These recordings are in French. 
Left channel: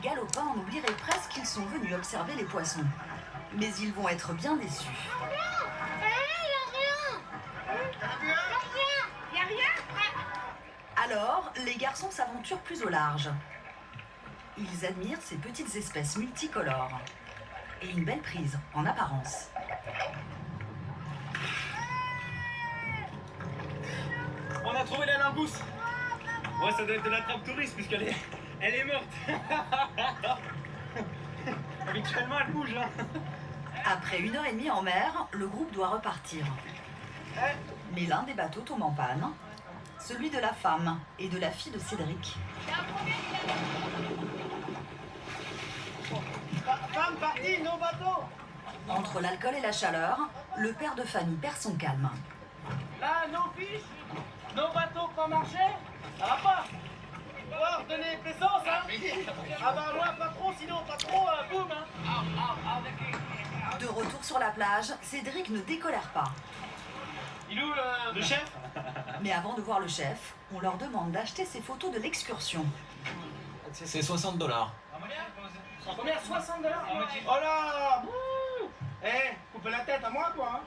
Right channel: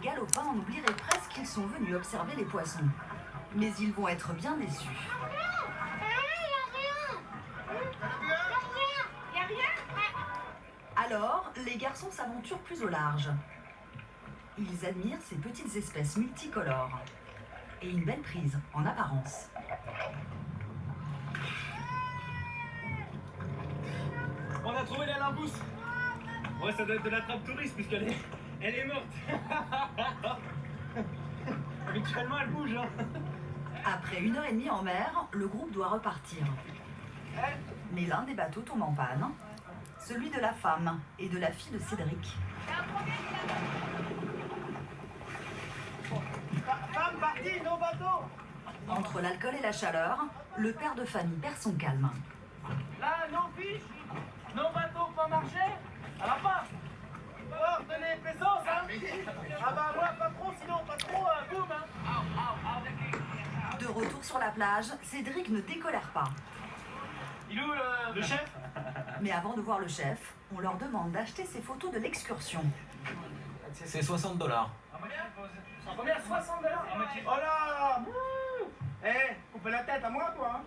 galopins, on oublierait presque qu'ils sont venus observer les poissons. Mais ils vont être bien déçus. Alors, les garçons s'aventurent plus au large. Ils admirent ces petites espèces multicolores. Et une belle prise, en apparence. On a trouvé la langouste. Ouais, ça doit être de la trappe touriste puisqu'elle est morte. Habituellement, elle bouge, hein. Après 1h30 en mer, le groupe doit repartir. Mais l'un des bateaux tombe en panne, celui de la femme et de la fille de Cédric. Femme partie, nos bateaux. Entre l'alcool et la chaleur, le père de famille perd son calme. Là, nos fils, nos bateaux pas marcher, ça va pas. Faut donner présence, hein. Ah bah moi, pas trop, sinon pas trop, boum, hein. De retour sur la plage, Cédric ne décolère pas. Il est où le chef? Mais avant de voir le chef, on leur demande d'acheter ces photos de l'excursion. C'est $60. Combien? 60 $? Oh là! Eh, coupez la tête à moi, toi, hein.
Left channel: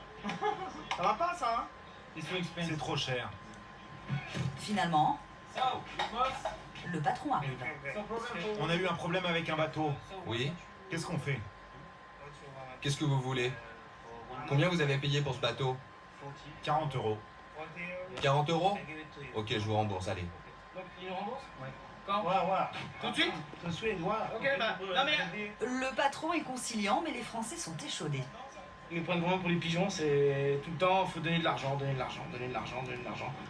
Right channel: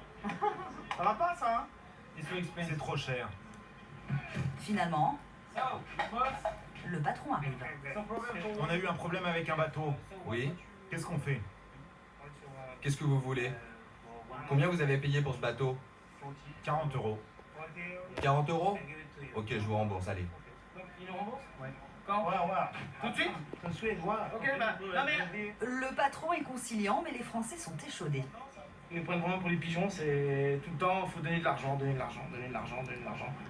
Ça va pas, ça, hein. C'est trop cher. Finalement, le patron arrive. On a eu un problème avec un bateau. Oui? Qu'est-ce qu'on fait? Qu'est-ce que vous voulez? Combien vous avez payé pour ce bateau? 40 €. 40 €? Ok, je vous rembourse, allez. Donc, il nous rembourse? Ouais. Quand? Ouais. Tout de suite? Tout de suite, ouais. Ok, bah, non mais... Le patron est conciliant, mais les Français sont échaudés. Ils nous prennent vraiment pour les pigeons, c'est tout le temps, faut donner de l'argent.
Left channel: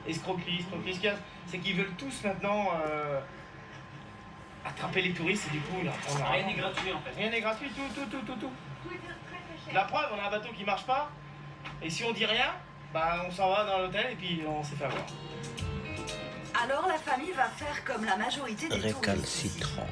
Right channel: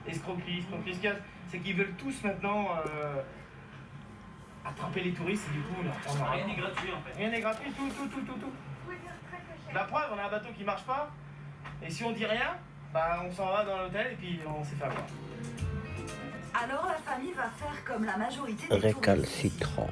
Escroquerie. Ce qu'il y a, c'est qu'ils veulent tous maintenant attraper les touristes et du coup, là, on a rien n'est gratuit en fait. Rien n'est gratuit, tout. La preuve, on a un bateau qui marche pas, et si on dit rien, bah on s'en va dans l'hôtel et puis on s'est fait avoir. Alors la famille va faire comme la majorité des touristes. Récalcitrant.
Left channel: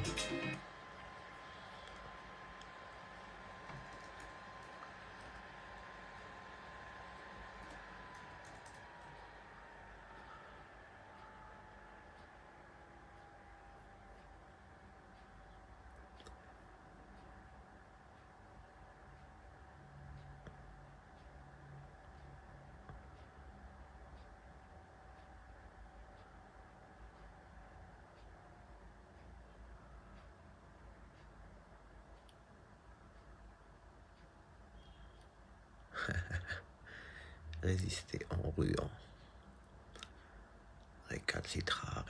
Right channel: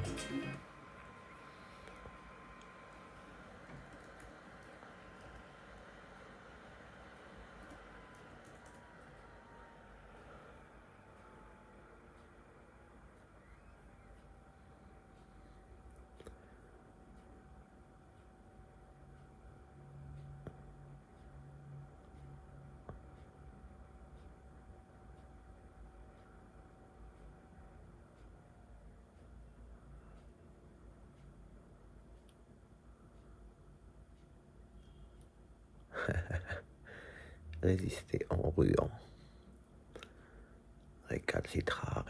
Résister en ruant. Récalcitrare.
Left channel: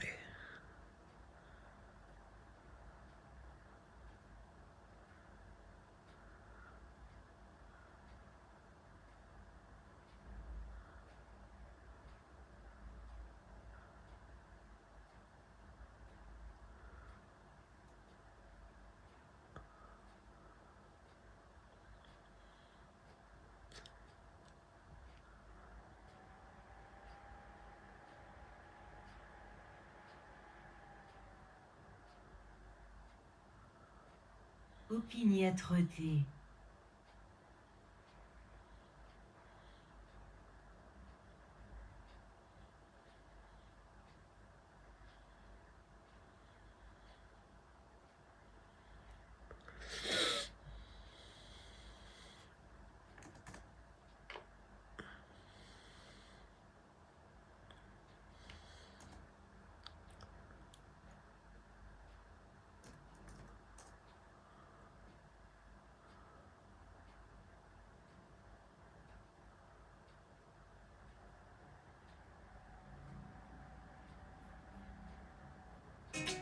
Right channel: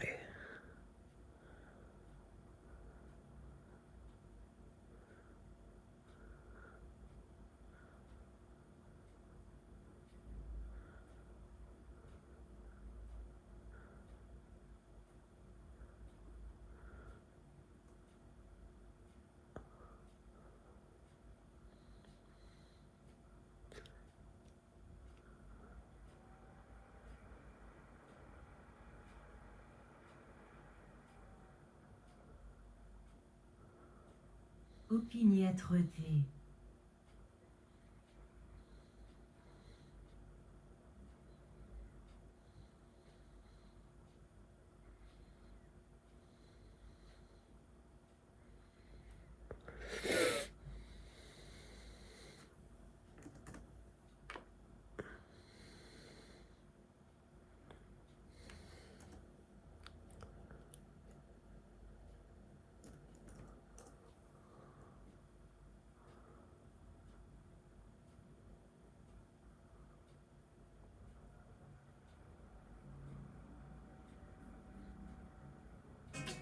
Opiniâtreté.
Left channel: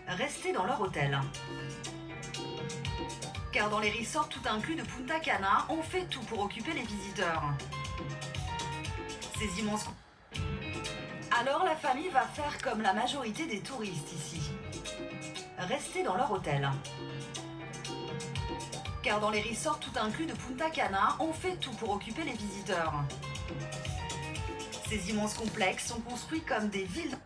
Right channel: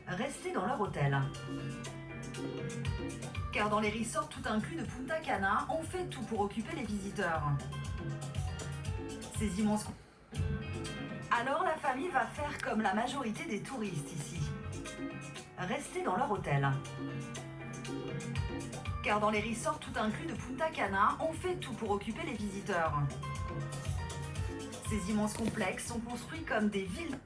Rester dans leur hôtel. Car dans les resorts tout inclus de Punta Cana, on fait tout pour occuper les visiteurs. Ces immenses... Alors la famille va faire comme la majorité des touristes ici. Rester dans leur hôtel. Car dans les resorts tout inclus de Punta Cana, on fait tout pour occuper les visiteurs. Ces immenses complexes sont construits comme des villes...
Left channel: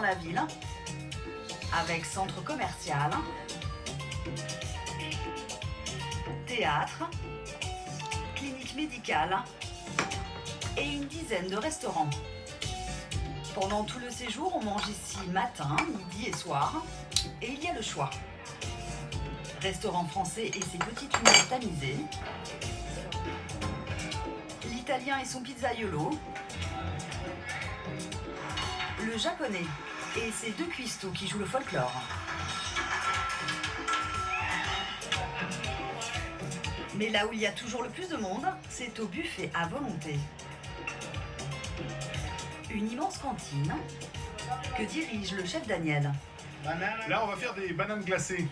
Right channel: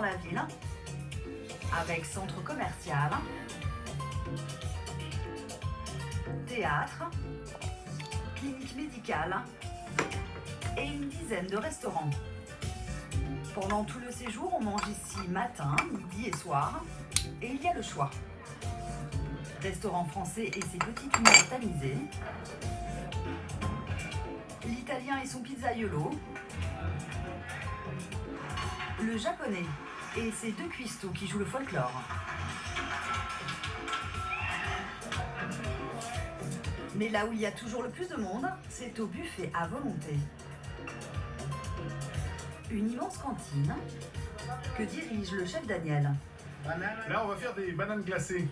dans la ville, avec centre commercial, théâtre, clinique médicale et une dizaine de restaurants. Pendant tout le séjour, on mange ici matin, midi et soir, et il y a le choix. Restaurant français et ses petites lunettes tamisées, l'italien et son pizzaiolo, le japonais et ses deux cuistots qui jouent le folklore. Mais là où il y a toujours le plus de monde, c'est au buffet à volonté. Une immense cantine que dirige le chef Daniel. Là, on va faire des bananes glacées.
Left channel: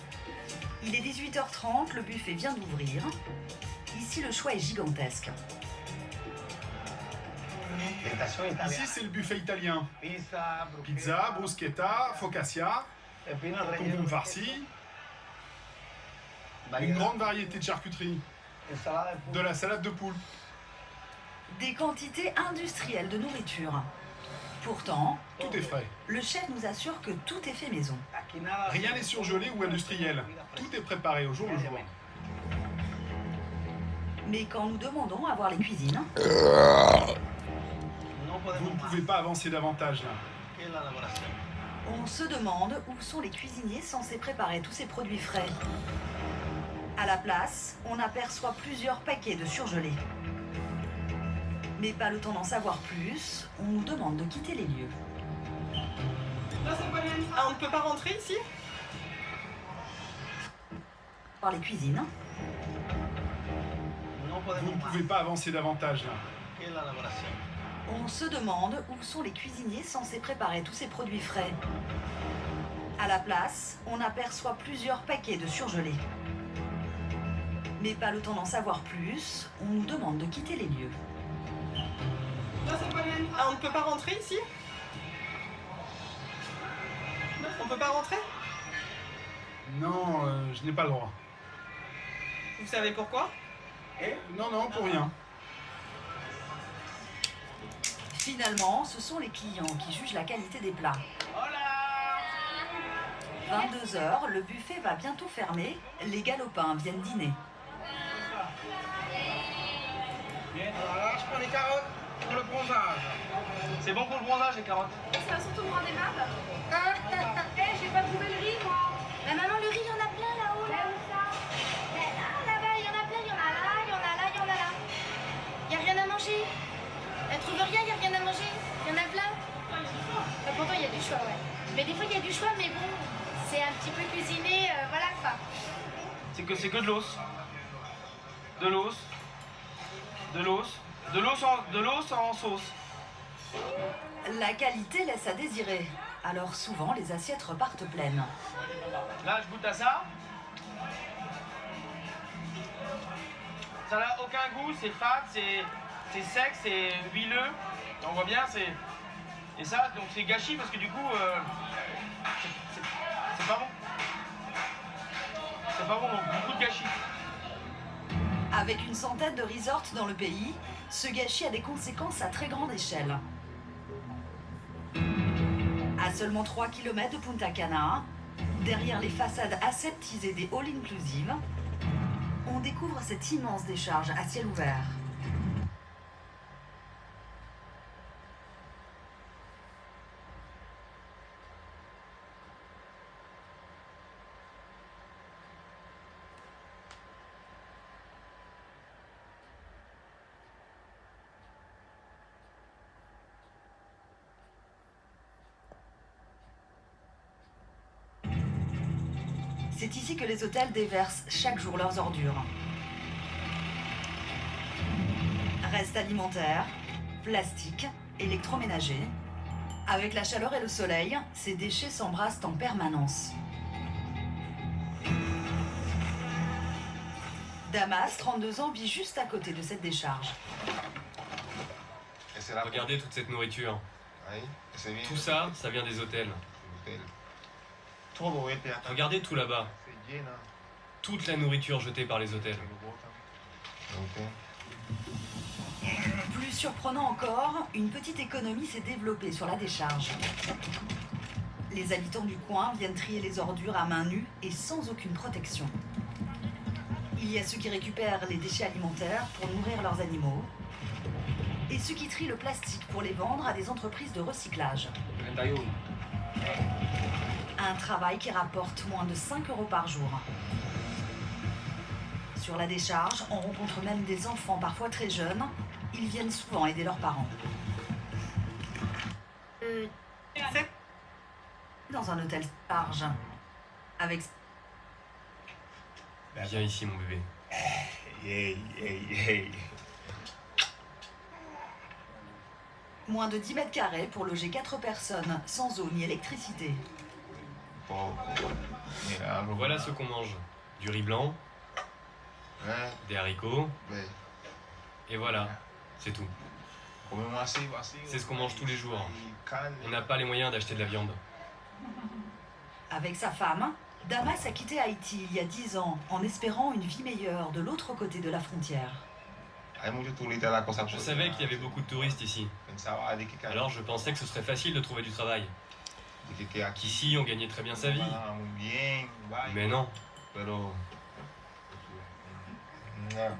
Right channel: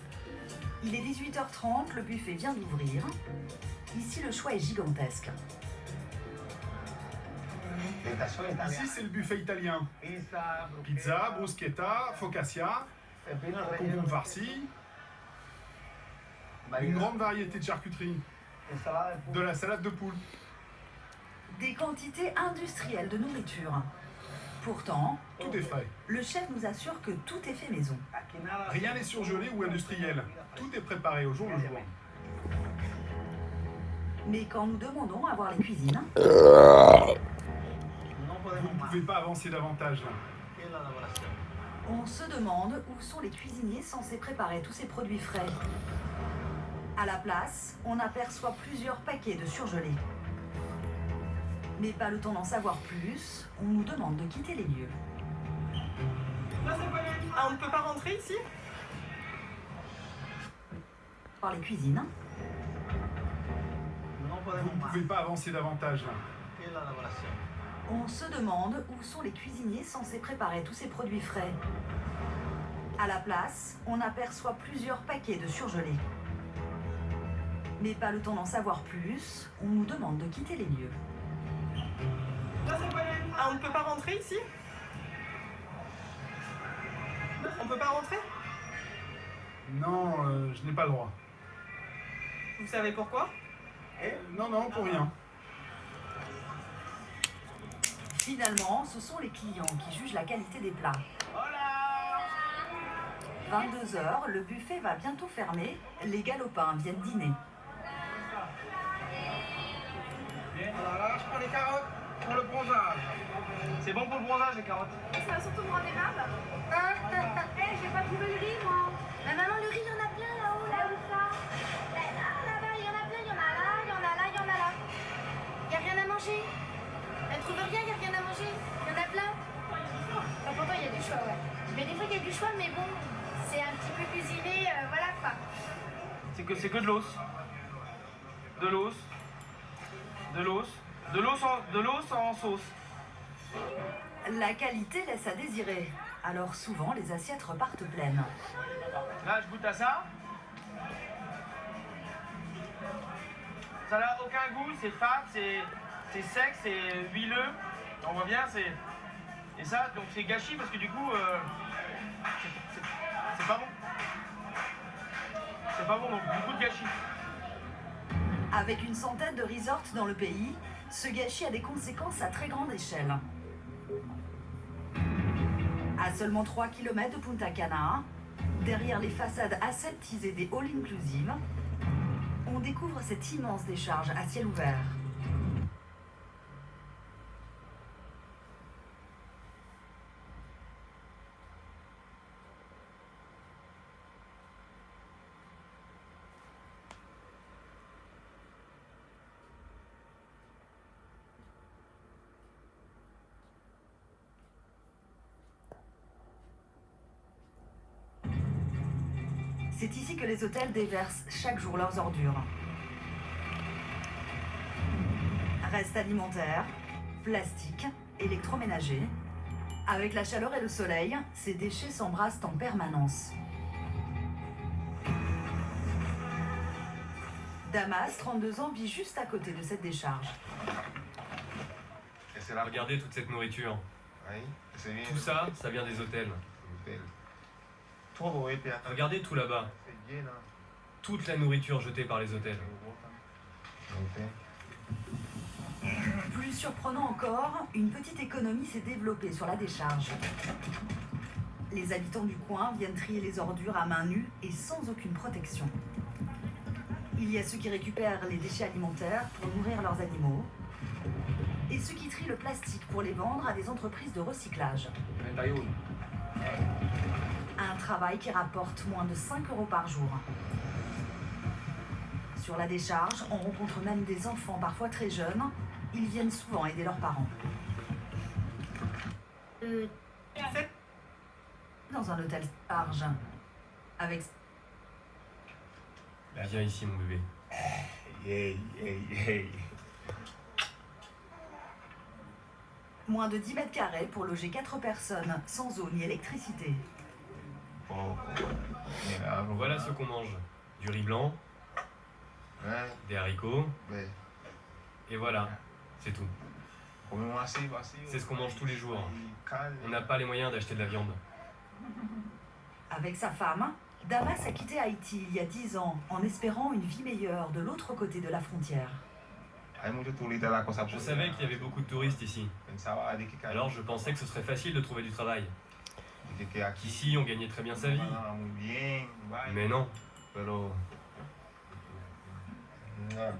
Il est 18h30, le buffet vient d'ouvrir. Ici, le choix est gigantesque. Ici, c'est le buffet italien. Pizza, bruschetta, focaccia, concombre farci, une grande variété de charcuterie, de la salade de poule. Des quantités industrielles de nourriture. Pourtant, Tout est frais. le chef nous assure que tout est fait maison. Rien n'est surgelé ou industriel. Tout est préparé au jour le jour. Mais quand nous demandons à voir les cuisines, Vous ne pouvez pas avancer davantage là. on se demande où sont les cuisiniers censés préparer tous ces produits frais. À la place, on aperçoit plusieurs paquets de surgelés. Mais pas le temps d'en savoir plus, on nous demande de quitter les lieux. Ah, on ne peut pas rentrer ici? Voir les cuisines, Vous ne pouvez pas avancer davantage là. on se demande où sont les cuisiniers censés préparer tous ces produits frais. À la place, on aperçoit plusieurs paquets de surgelés. Mais pas le temps d'en savoir plus, on nous demande de quitter les lieux. Ah, on ne peut pas rentrer ici? On peut pas rentrer? Non, je n'ai pas le droit. Vous savez pourquoi? Non, pour rien. Finalement, ce sont les clients qui jugent la qualité des plats. 22h, le buffet va bientôt fermer, les galopins viennent dîner. Voilà, je prends les carottes pour le bronzage. C'est bon pour le bronzage, les carottes. Ça va surtout me rendre aimable. J'ai pas trouvé le riz, moi. Mais maman, le riz, il y en a plein là-haut. Là où ça? Là-bas, il y en a plein. Il y en a là, il y en a là, il y en a là. Il y a rien à manger. Elle trouve rien, il y a rien à manger. Il y en a plein. Pourtant, il y a du choix, ouais. Mais des fois, il y a du choix, mais bon, c'est un petit peu cuisiné, voilà quoi. C'est que de l'os. De l'os. De l'os. De l'os en sauce. La qualité laisse à désirer, alors souvent les assiettes repartent pleines. Là, je goûte à ça. Ça n'a aucun goût, c'est fade, c'est sec, c'est huileux. On voit bien, c'est... Et ça, donc c'est gâchis parce que du coup, c'est pas bon. C'est pas bon, donc beaucoup de gâchis. Avec une centaine de resorts dans le pays, ce gâchis a des conséquences à très grande échelle. À seulement 3 km de Punta Cana, derrière les façades aseptisées des all-inclusive, on découvre cette immense décharge à ciel ouvert. C'est ici que les hôtels déversent chaque jour leurs ordures. Restes alimentaires, plastique, électroménager. Avec la chaleur et le soleil, ces déchets s'embrassent en permanence. Damas, 32 ans, vit juste à côté de cette décharge. Regardez toute cette nourriture. Tout ça, ça vient des hôtels. Regardez tout là-bas. Toute la nourriture jetée par les hôtels. Plus surprenant encore, une petite économie s'est développée sur la décharge. Les habitants du coin viennent trier les ordures à main nue et sans aucune protection. Il y a ceux qui récupèrent les déchets alimentaires pour nourrir leurs animaux et ceux qui trient le plastique pour les vendre à des entreprises de recyclage. Un travail qui rapporte moins de 5 € par jour. Sur la décharge, on rencontre même des enfants parfois très jeunes. Ils viennent souvent aider leurs parents. Dans un hôtel large, avec Viens ici, mon bébé. moins de 10 mètres carrés pour loger 4 personnes, sans eau ni électricité. Voilà ce qu'on mange. Du riz blanc, des haricots, et voilà, c'est tout. C'est ce qu'on mange tous les jours. On n'a pas les moyens d'acheter de la viande. Avec sa femme, Damas a quitté Haïti il y a 10 ans en espérant une vie meilleure de l'autre côté de la frontière. Je savais qu'il y avait beaucoup de touristes ici. Alors je pensais que ce serait facile de trouver du travail. Qu'ici on gagnait très bien sa vie. Mais non.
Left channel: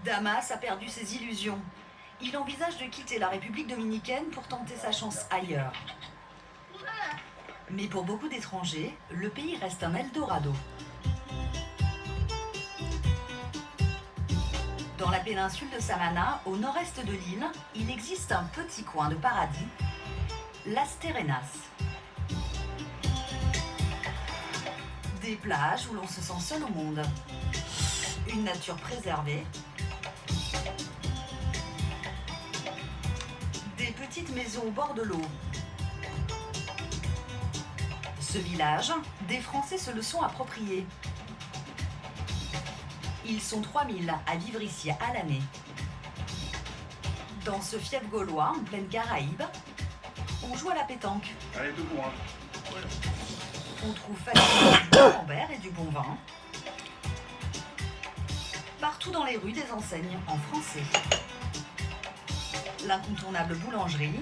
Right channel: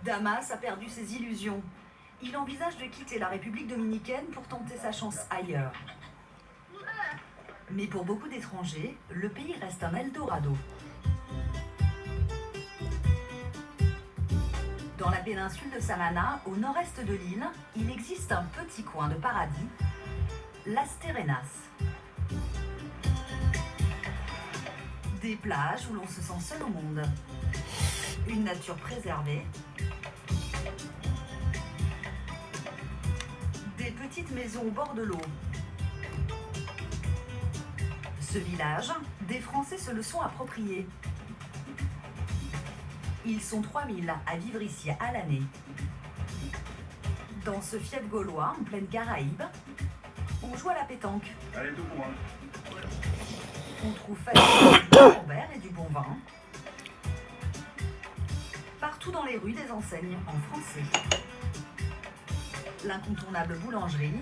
Damas a perdu ses illusions. Il envisage de quitter la République dominicaine pour tenter sa chance ailleurs. Mais pour beaucoup d'étrangers, le pays reste un Eldorado. Dans la péninsule de Samana, au nord-est de l'île, il existe un petit coin de paradis, Las Terrenas. Des plages où l'on se sent seul au monde. Une nature préservée. Des petites maisons au bord de l'eau. Ce village, des Français se le sont appropriés. Ils sont 3000 à vivre ici à l'année. Dans ce fief gaulois, en pleine Caraïbe, on joue à la pétanque. Allez, tout pour On trouve facilement du camembert et du bon vin. Partout dans les rues, des enseignes en français. L'incontournable boulangerie.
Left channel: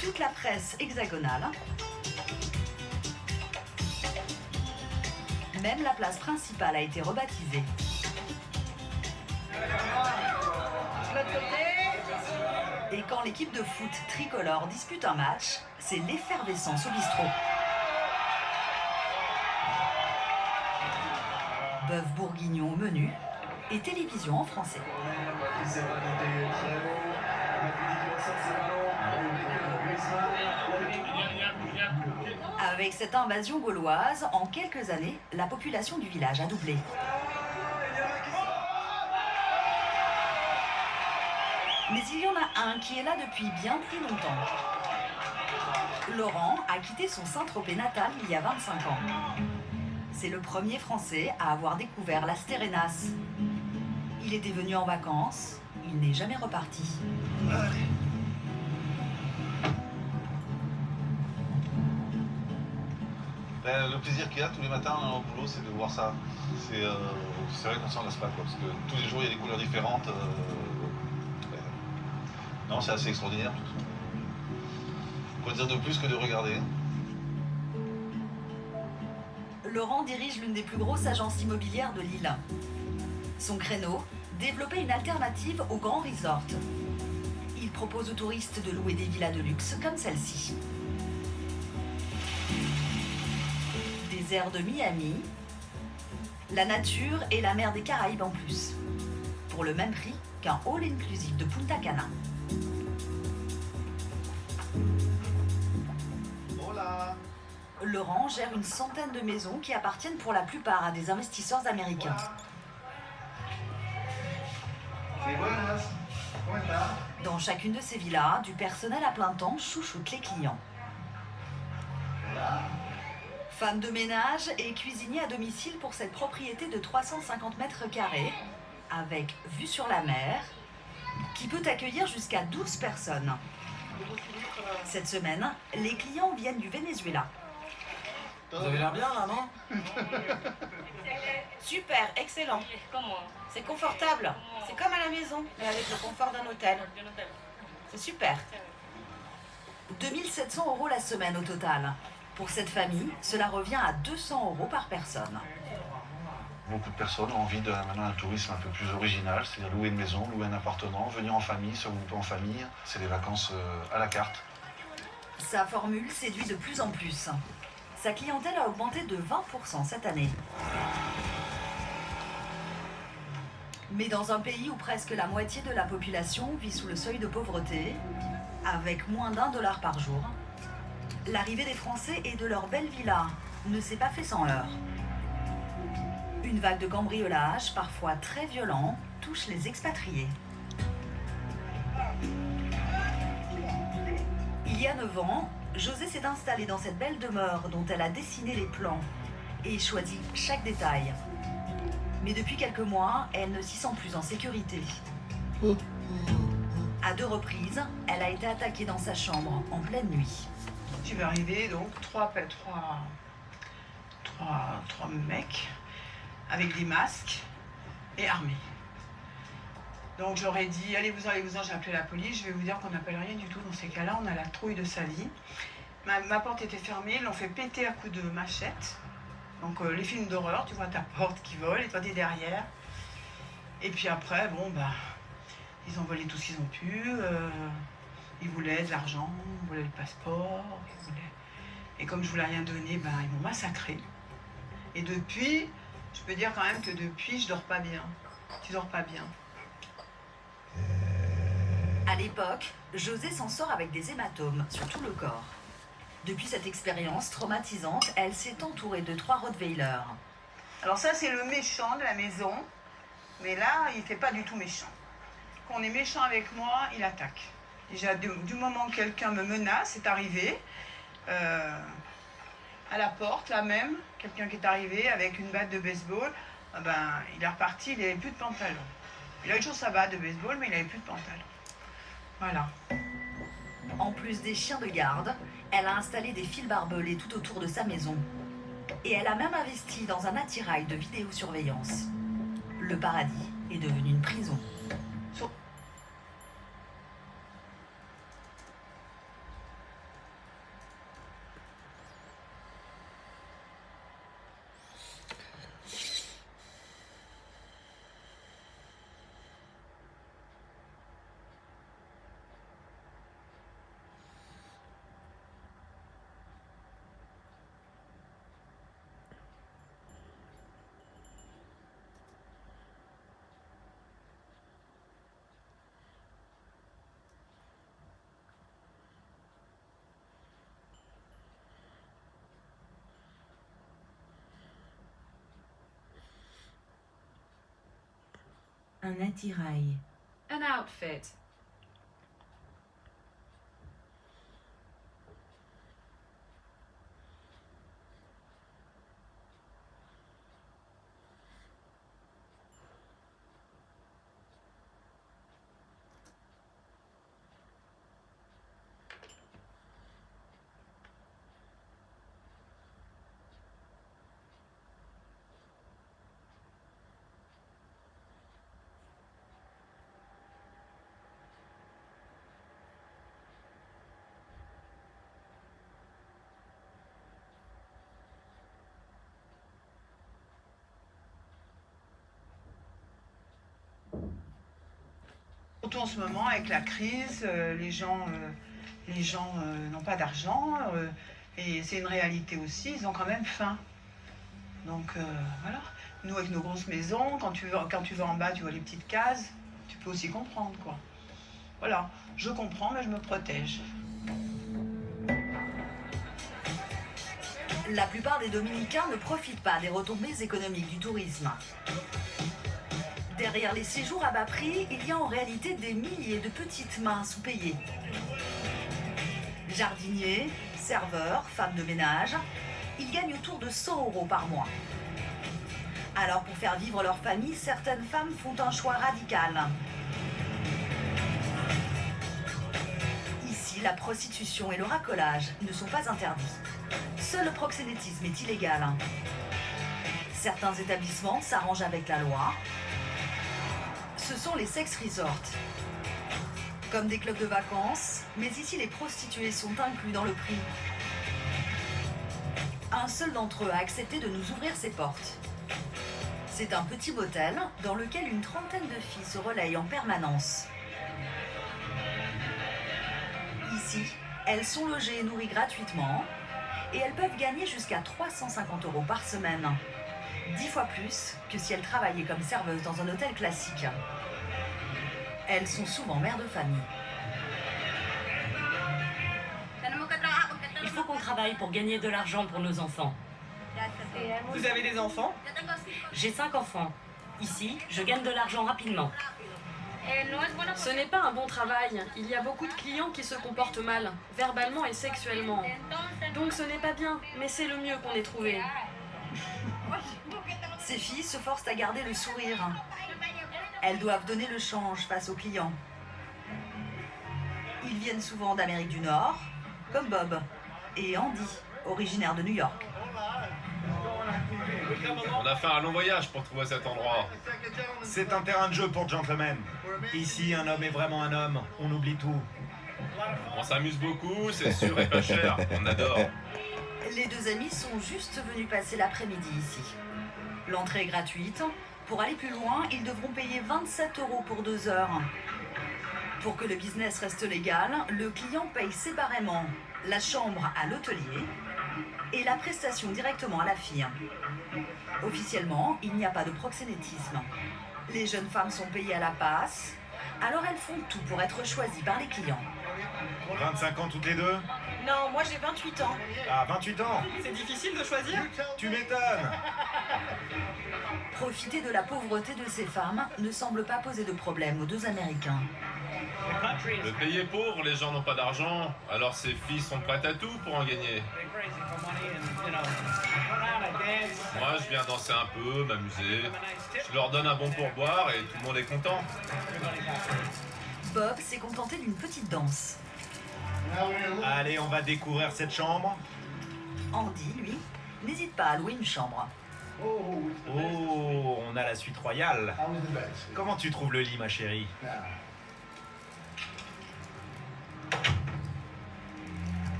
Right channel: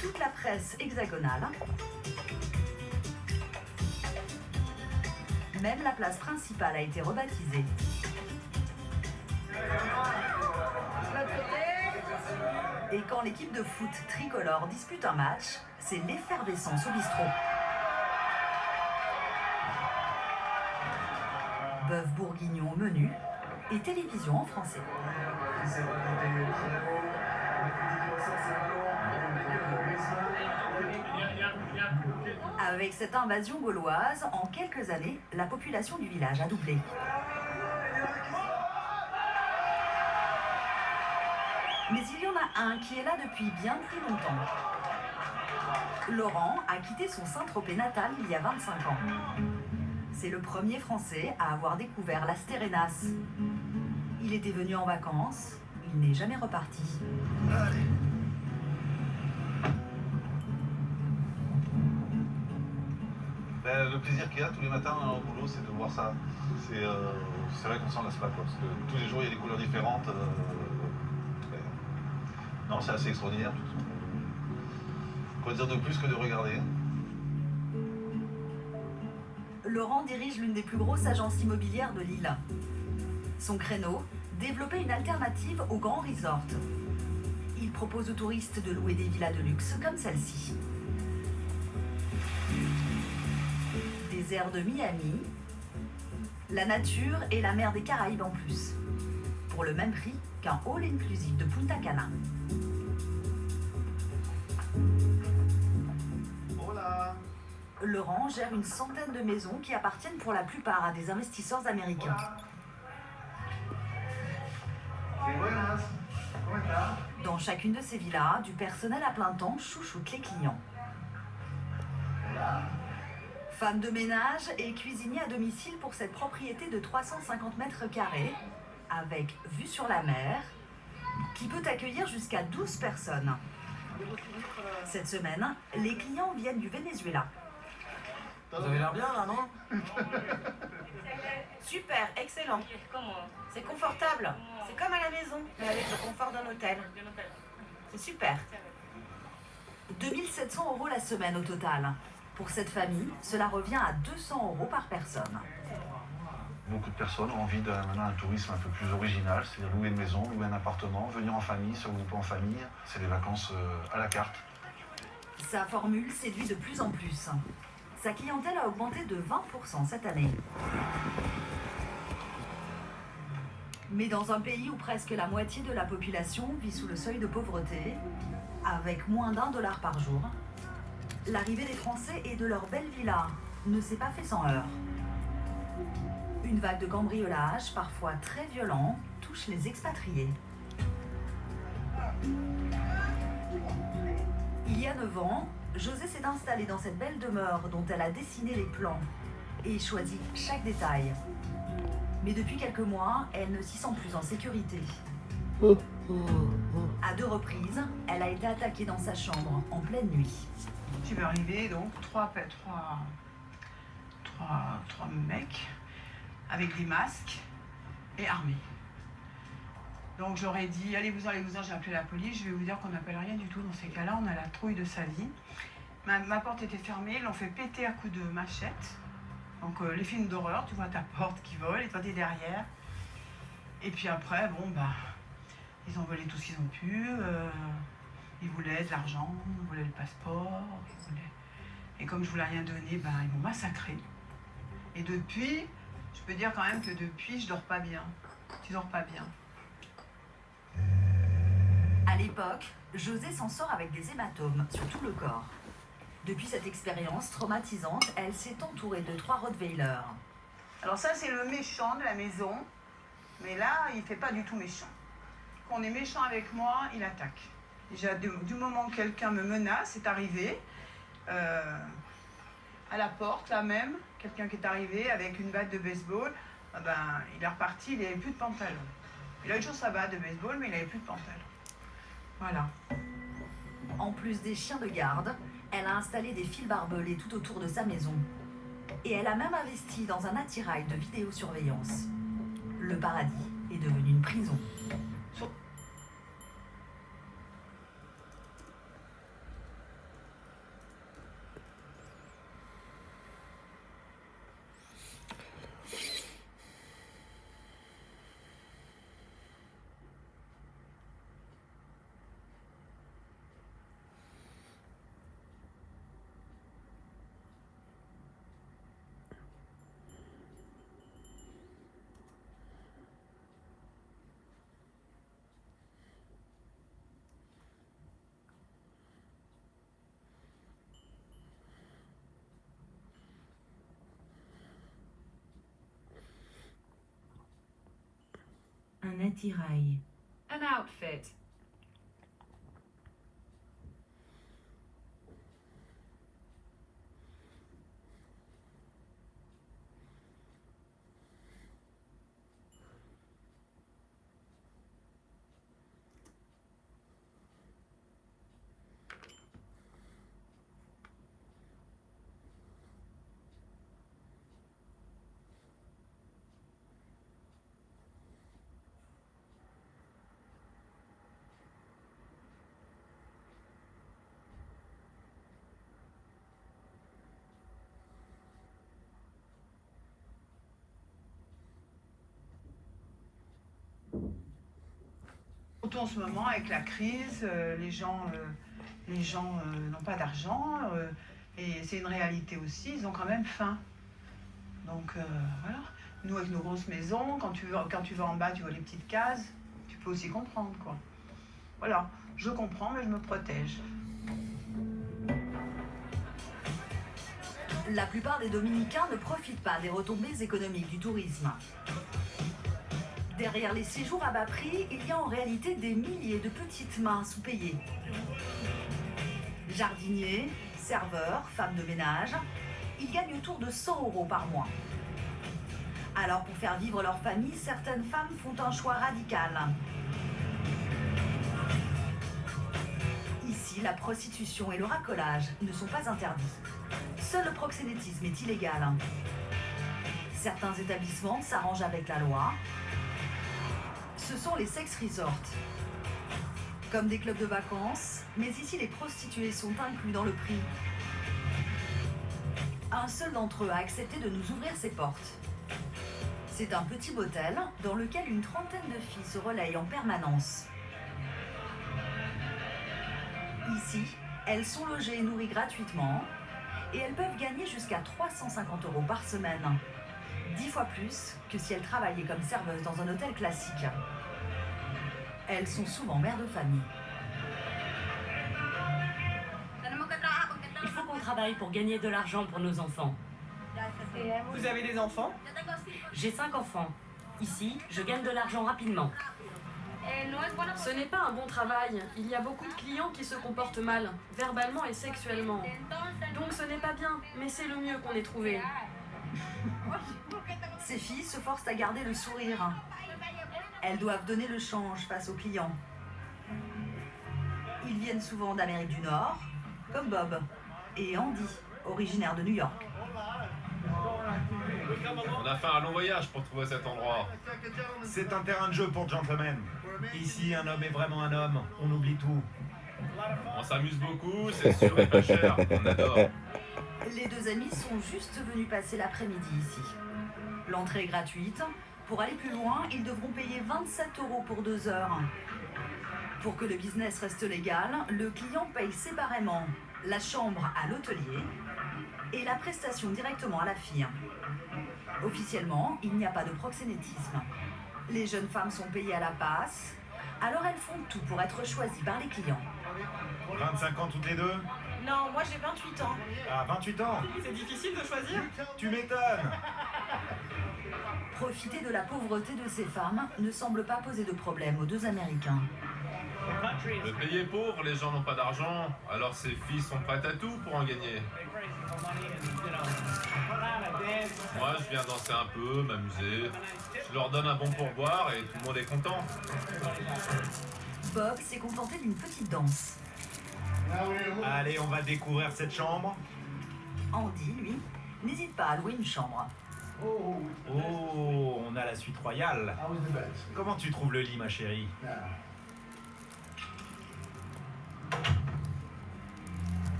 Toute la presse hexagonale. Même la place principale a été rebaptisée. Et quand l'équipe de foot tricolore dispute un match, c'est l'effervescence au bistrot. Bœuf bourguignon au menu et télévision en français. Avec cette invasion gauloise, en quelques années, la population du village a doublé. Mais il y en a un qui est là depuis bien plus longtemps. Laurent a quitté son Saint-Tropez natal il y a 25 ans. C'est le premier Français à avoir découvert Las Terrenas. Il était venu en vacances, il n'est jamais reparti. Le plaisir qu'il y a tous les matins au boulot, c'est de voir ça. C'est vrai qu'on s'en lasse pas, quoi, parce que tous les jours il y a des couleurs différentes. Non, c'est assez extraordinaire. Quoi dire de plus que de regarder. Laurent dirige l'une des plus grosses agences immobilières de l'île. Son créneau, développer une alternative aux grands resorts. Il propose aux touristes de louer des villas de luxe comme celle-ci. Des airs de Miami, la nature et la mer des Caraïbes en plus. Pour le même prix qu'un all-inclusive de Punta Cana. Hola. Laurent gère une centaine de maisons qui appartiennent pour la plupart à des investisseurs américains. Dans chacune de ces villas, du personnel à plein temps chouchoute les clients. Femme de ménage et cuisinier à domicile pour cette propriété de 350 mètres carrés, avec vue sur la mer, qui peut accueillir jusqu'à 12 personnes. Cette semaine, les clients viennent du Venezuela. Vous avez l'air bien là, non? Super, excellent. C'est confortable. C'est comme à la maison, mais avec le confort d'un hôtel. C'est super. 2700 € la semaine au total. Pour cette famille, cela revient à 200 € par personne. Beaucoup de personnes ont envie de maintenant un tourisme un peu plus original, c'est-à-dire louer une maison, louer un appartement, venir en famille, se regrouper en famille. C'est des vacances à la carte. Sa formule séduit de plus en plus. Sa clientèle a augmenté de 20% cette année. Mais dans un pays où presque la moitié de la population vit sous le seuil de pauvreté, avec moins d'$1 par jour, l'arrivée des Français et de leurs belles villas ne s'est pas fait sans heurts. Une vague de cambriolage, parfois très violent, touche les expatriés. Il y a 9 ans, José s'est installée dans cette belle demeure dont elle a dessiné les plans et choisi chaque détail. Mais depuis quelques mois, elle ne s'y sent plus en sécurité. À 2 reprises, elle a été attaquée dans sa chambre en pleine nuit. Tu vas arriver donc trois mecs avec des masques et armés. Donc je leur ai dit, allez-vous-en, j'ai appelé la police, je vais vous dire qu'on n'appelle rien du tout dans ces cas-là, on a la trouille de sa vie. Ma porte était fermée, ils l'ont fait péter à coups de machette. Donc les films d'horreur, tu vois ta porte qui vole et toi t'es derrière. Et puis après, ils ont volé tout ce qu'ils ont pu. Ils voulaient de l'argent, ils voulaient le passeport, Et comme je voulais rien donner, ils m'ont massacré. Et depuis, je peux dire quand même que depuis, je dors pas bien. Tu dors pas bien. À l'époque, José s'en sort avec des hématomes sur tout le corps. Depuis cette expérience traumatisante, elle s'est entourée de 3 Rottweilers. Alors ça, c'est le méchant de la maison. Mais là, il fait pas du tout méchant. Quand on est méchant avec moi, il attaque. Déjà, du moment que quelqu'un me menace, c'est arrivé. À la porte, là même, quelqu'un qui est arrivé avec une batte de baseball, il est reparti, il n'avait plus de pantalon. Il a une chose sa batte de baseball, mais il n'avait plus de pantalon. Voilà. En plus des chiens de garde, elle a installé des fils barbelés tout autour de sa maison. Et elle a même investi dans un attirail de vidéosurveillance. Le paradis est devenu une prison. Un attirail. An outfit. Surtout en ce moment, avec la crise, les gens n'ont pas d'argent et c'est une réalité aussi, ils ont quand même faim. Donc voilà. Nous, avec nos grosses maisons, quand tu vas en bas, tu vois les petites cases, tu peux aussi comprendre, quoi. Voilà, je comprends, mais je me protège. La plupart des Dominicains ne profitent pas des retombées économiques du tourisme. Derrière les séjours à bas prix, il y a en réalité des milliers de petites mains sous-payées. Jardiniers, serveurs, femmes de ménage, ils gagnent autour de 100 € par mois. Alors pour faire vivre leur famille, certaines femmes font un choix radical. Ici, la prostitution et le racolage ne sont pas interdits. Seul le proxénétisme est illégal. Certains établissements s'arrangent avec la loi. Ce sont les sex resorts. comme des clubs de vacances, mais ici les prostituées sont inclus dans le prix. Un seul d'entre eux a accepté de nous ouvrir ses portes. C'est un petit motel dans lequel une trentaine de filles se relayent en permanence. Ici, elles sont logées et nourries gratuitement et elles peuvent gagner jusqu'à 350 € par semaine. 10 fois plus que si elles travaillaient comme serveuses dans un hôtel classique. Elles sont souvent mères de famille. Il faut qu'on travaille pour gagner de l'argent pour nos enfants. Vous avez des enfants? J'ai 5 enfants. Ici, je gagne de l'argent rapidement. Ce n'est pas un bon travail. Il y a beaucoup de clients qui se comportent mal, verbalement et sexuellement. Donc ce n'est pas bien, mais c'est le mieux qu'on ait trouvé. Ces filles se forcent à garder le sourire. Elles doivent donner le change face aux clients. Ils viennent souvent d'Amérique du Nord, comme Bob et Andy, originaires de New York. On a fait un long voyage pour trouver cet endroit. C'est un terrain de jeu pour gentlemen. Ici, un homme est vraiment un homme. On oublie tout. On s'amuse beaucoup, c'est sûr et pas cher. On adore. Les deux amis sont juste venus passer l'après-midi ici. L'entrée est gratuite. Pour aller plus loin, ils devront payer 27 € pour 2 heures. Pour que le business reste légal, le client paye séparément la chambre à l'hôtelier et la prestation directement à la fille. Officiellement, il n'y a pas de proxénétisme. Les jeunes femmes sont payées à la passe, alors elles font tout pour être choisies par les clients. 25 ans toutes les deux? Non, moi j'ai 28 ans. Ah, 28 ans? C'est difficile de choisir? Tu m'étonnes! Profiter de la pauvreté de ces femmes ne semble pas poser de problème aux deux Américains. Le pays est pauvre, les gens n'ont pas d'argent, alors ces filles sont prêtes à tout pour en gagner. Moi, je viens danser un peu, m'amuser. Je leur donne un bon pourboire et tout le monde est content. Bob s'est contenté d'une petite danse. Allez, on va découvrir cette chambre. Andy, lui, n'hésite pas à louer une chambre. Oh, on a la suite royale. Comment tu trouves le lit, ma chérie?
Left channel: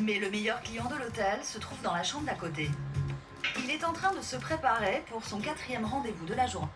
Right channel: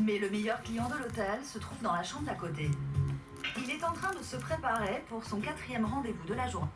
Mais le meilleur client de l'hôtel se trouve dans la chambre d'à côté. Il est en train de se préparer pour son 4e rendez-vous de la journée.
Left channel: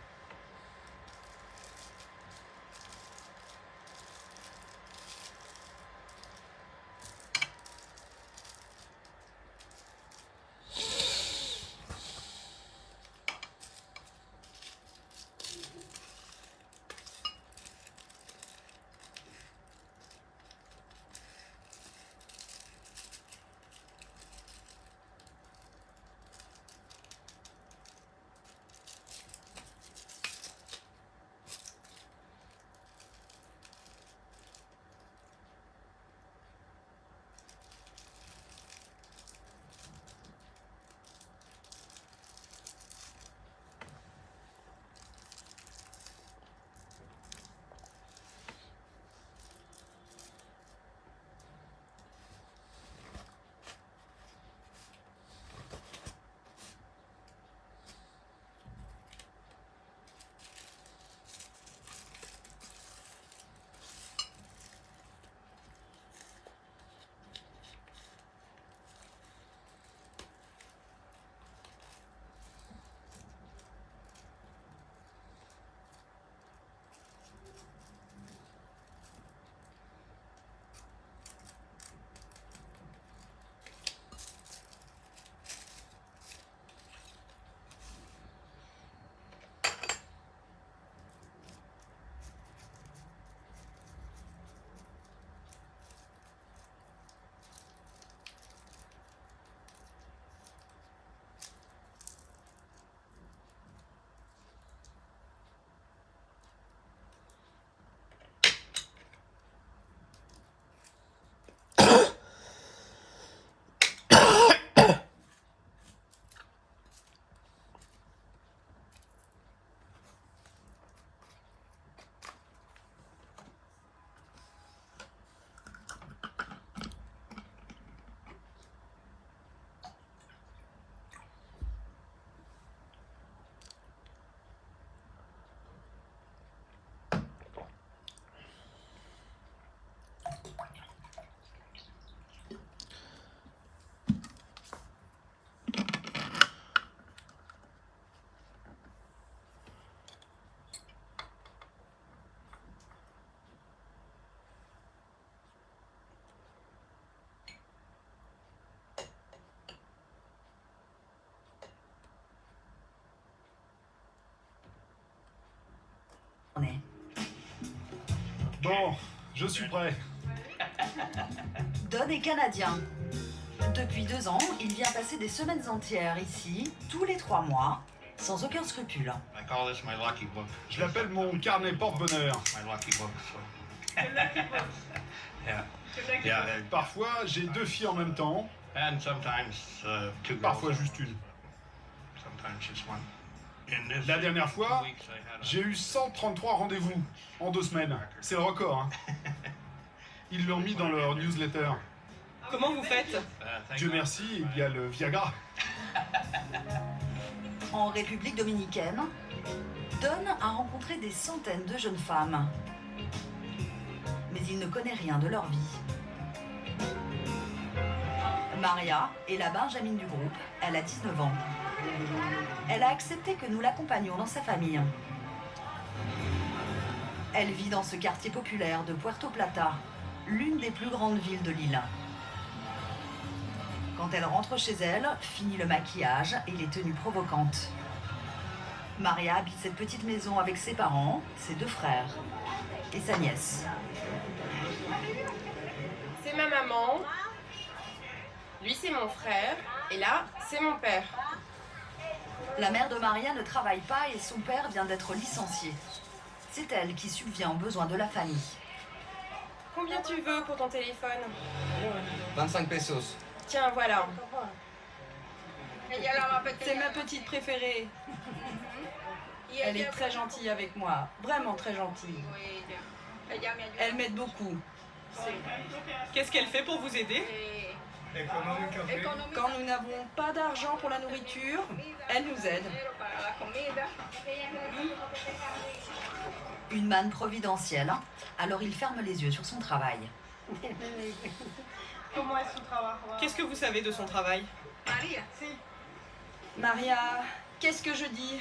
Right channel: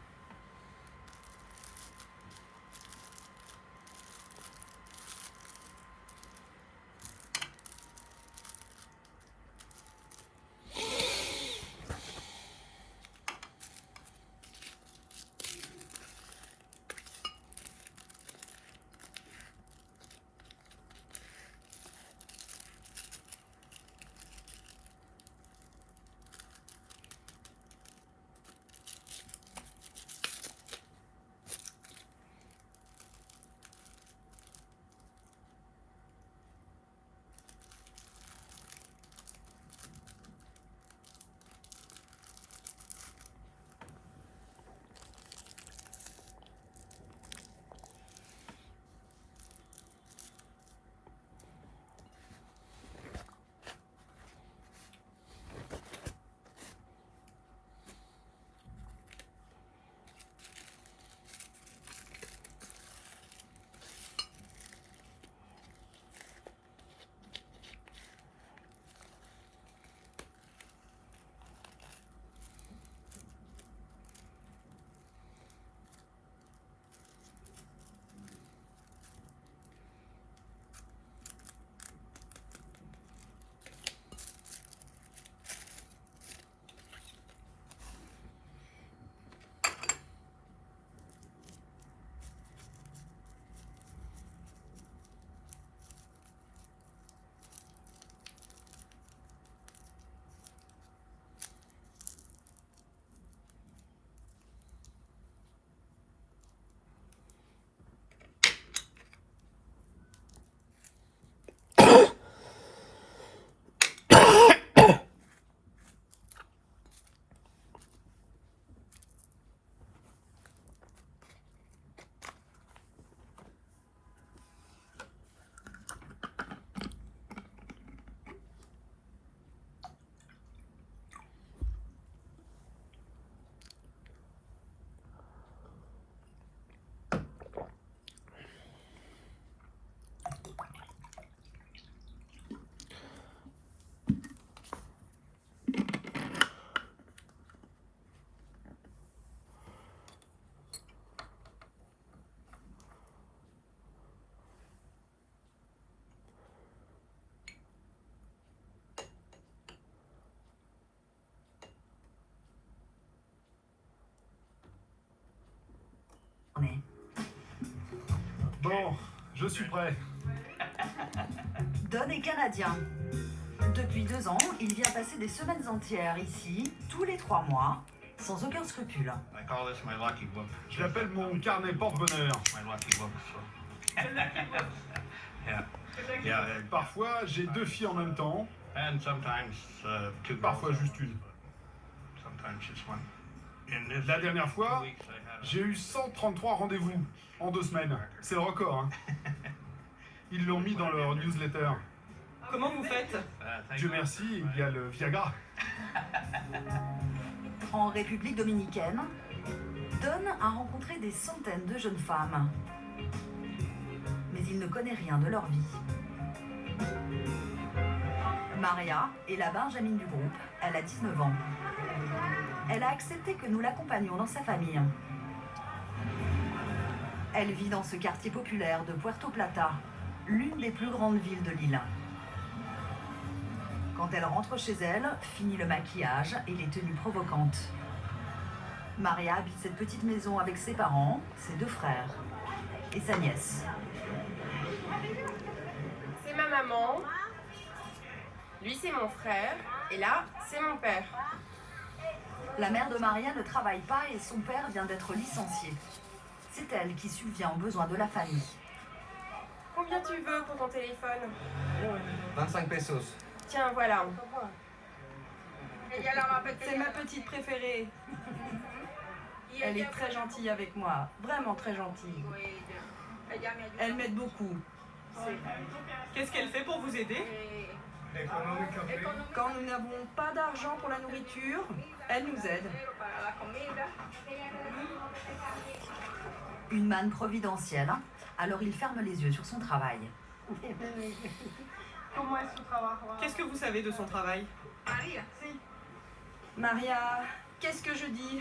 Bon, je suis prêt. Don est canadien. Depuis 2 ans, il vient passer des semaines entières ici, tous les 3 mois, sans aucun scrupule. Je l'appelle mon carnet porte-bonheur. Parfois, j'ai 2 filles en même temps. Parfois, juste une. La dernière fois, j'ai eu 133 rendez-vous en 2 semaines. C'est le record, hein. Ils l'ont mis dans leur newsletter. Comment vous faites? Dieu merci, il y a le Viagra. En République dominicaine, Don a rencontré des centaines de jeunes femmes. Mais il ne connaît rien de leur vie. Maria est la Benjamine du groupe, elle a 19 ans. Elle a accepté que nous l'accompagnions dans sa famille. Elle vit dans ce quartier populaire de Puerto Plata, l'une des plus grandes villes de l'île. Quand elle rentre chez elle, finit le maquillage et les tenues provocantes. Maria habite cette petite maison avec ses parents, ses 2 frères et sa nièce. C'est ma maman, lui c'est mon frère, et là c'est mon père. La mère de Maria ne travaille pas et son père vient d'être licencié. C'est elle qui subvient aux besoins de la famille. Combien tu veux pour ton téléphone? 25 pesos. Tiens, voilà. C'est ma petite préférée. Elle est très gentille avec moi, vraiment très gentille. Elle m'aide beaucoup. Qu'est-ce qu'elle fait pour vous aider? Quand nous n'avons pas d'argent pour la nourriture, elle nous aide. Une manne providentielle, alors il ferme les yeux sur son travail. Qu'est-ce que vous savez de son travail? Maria, qu'est-ce que je dis?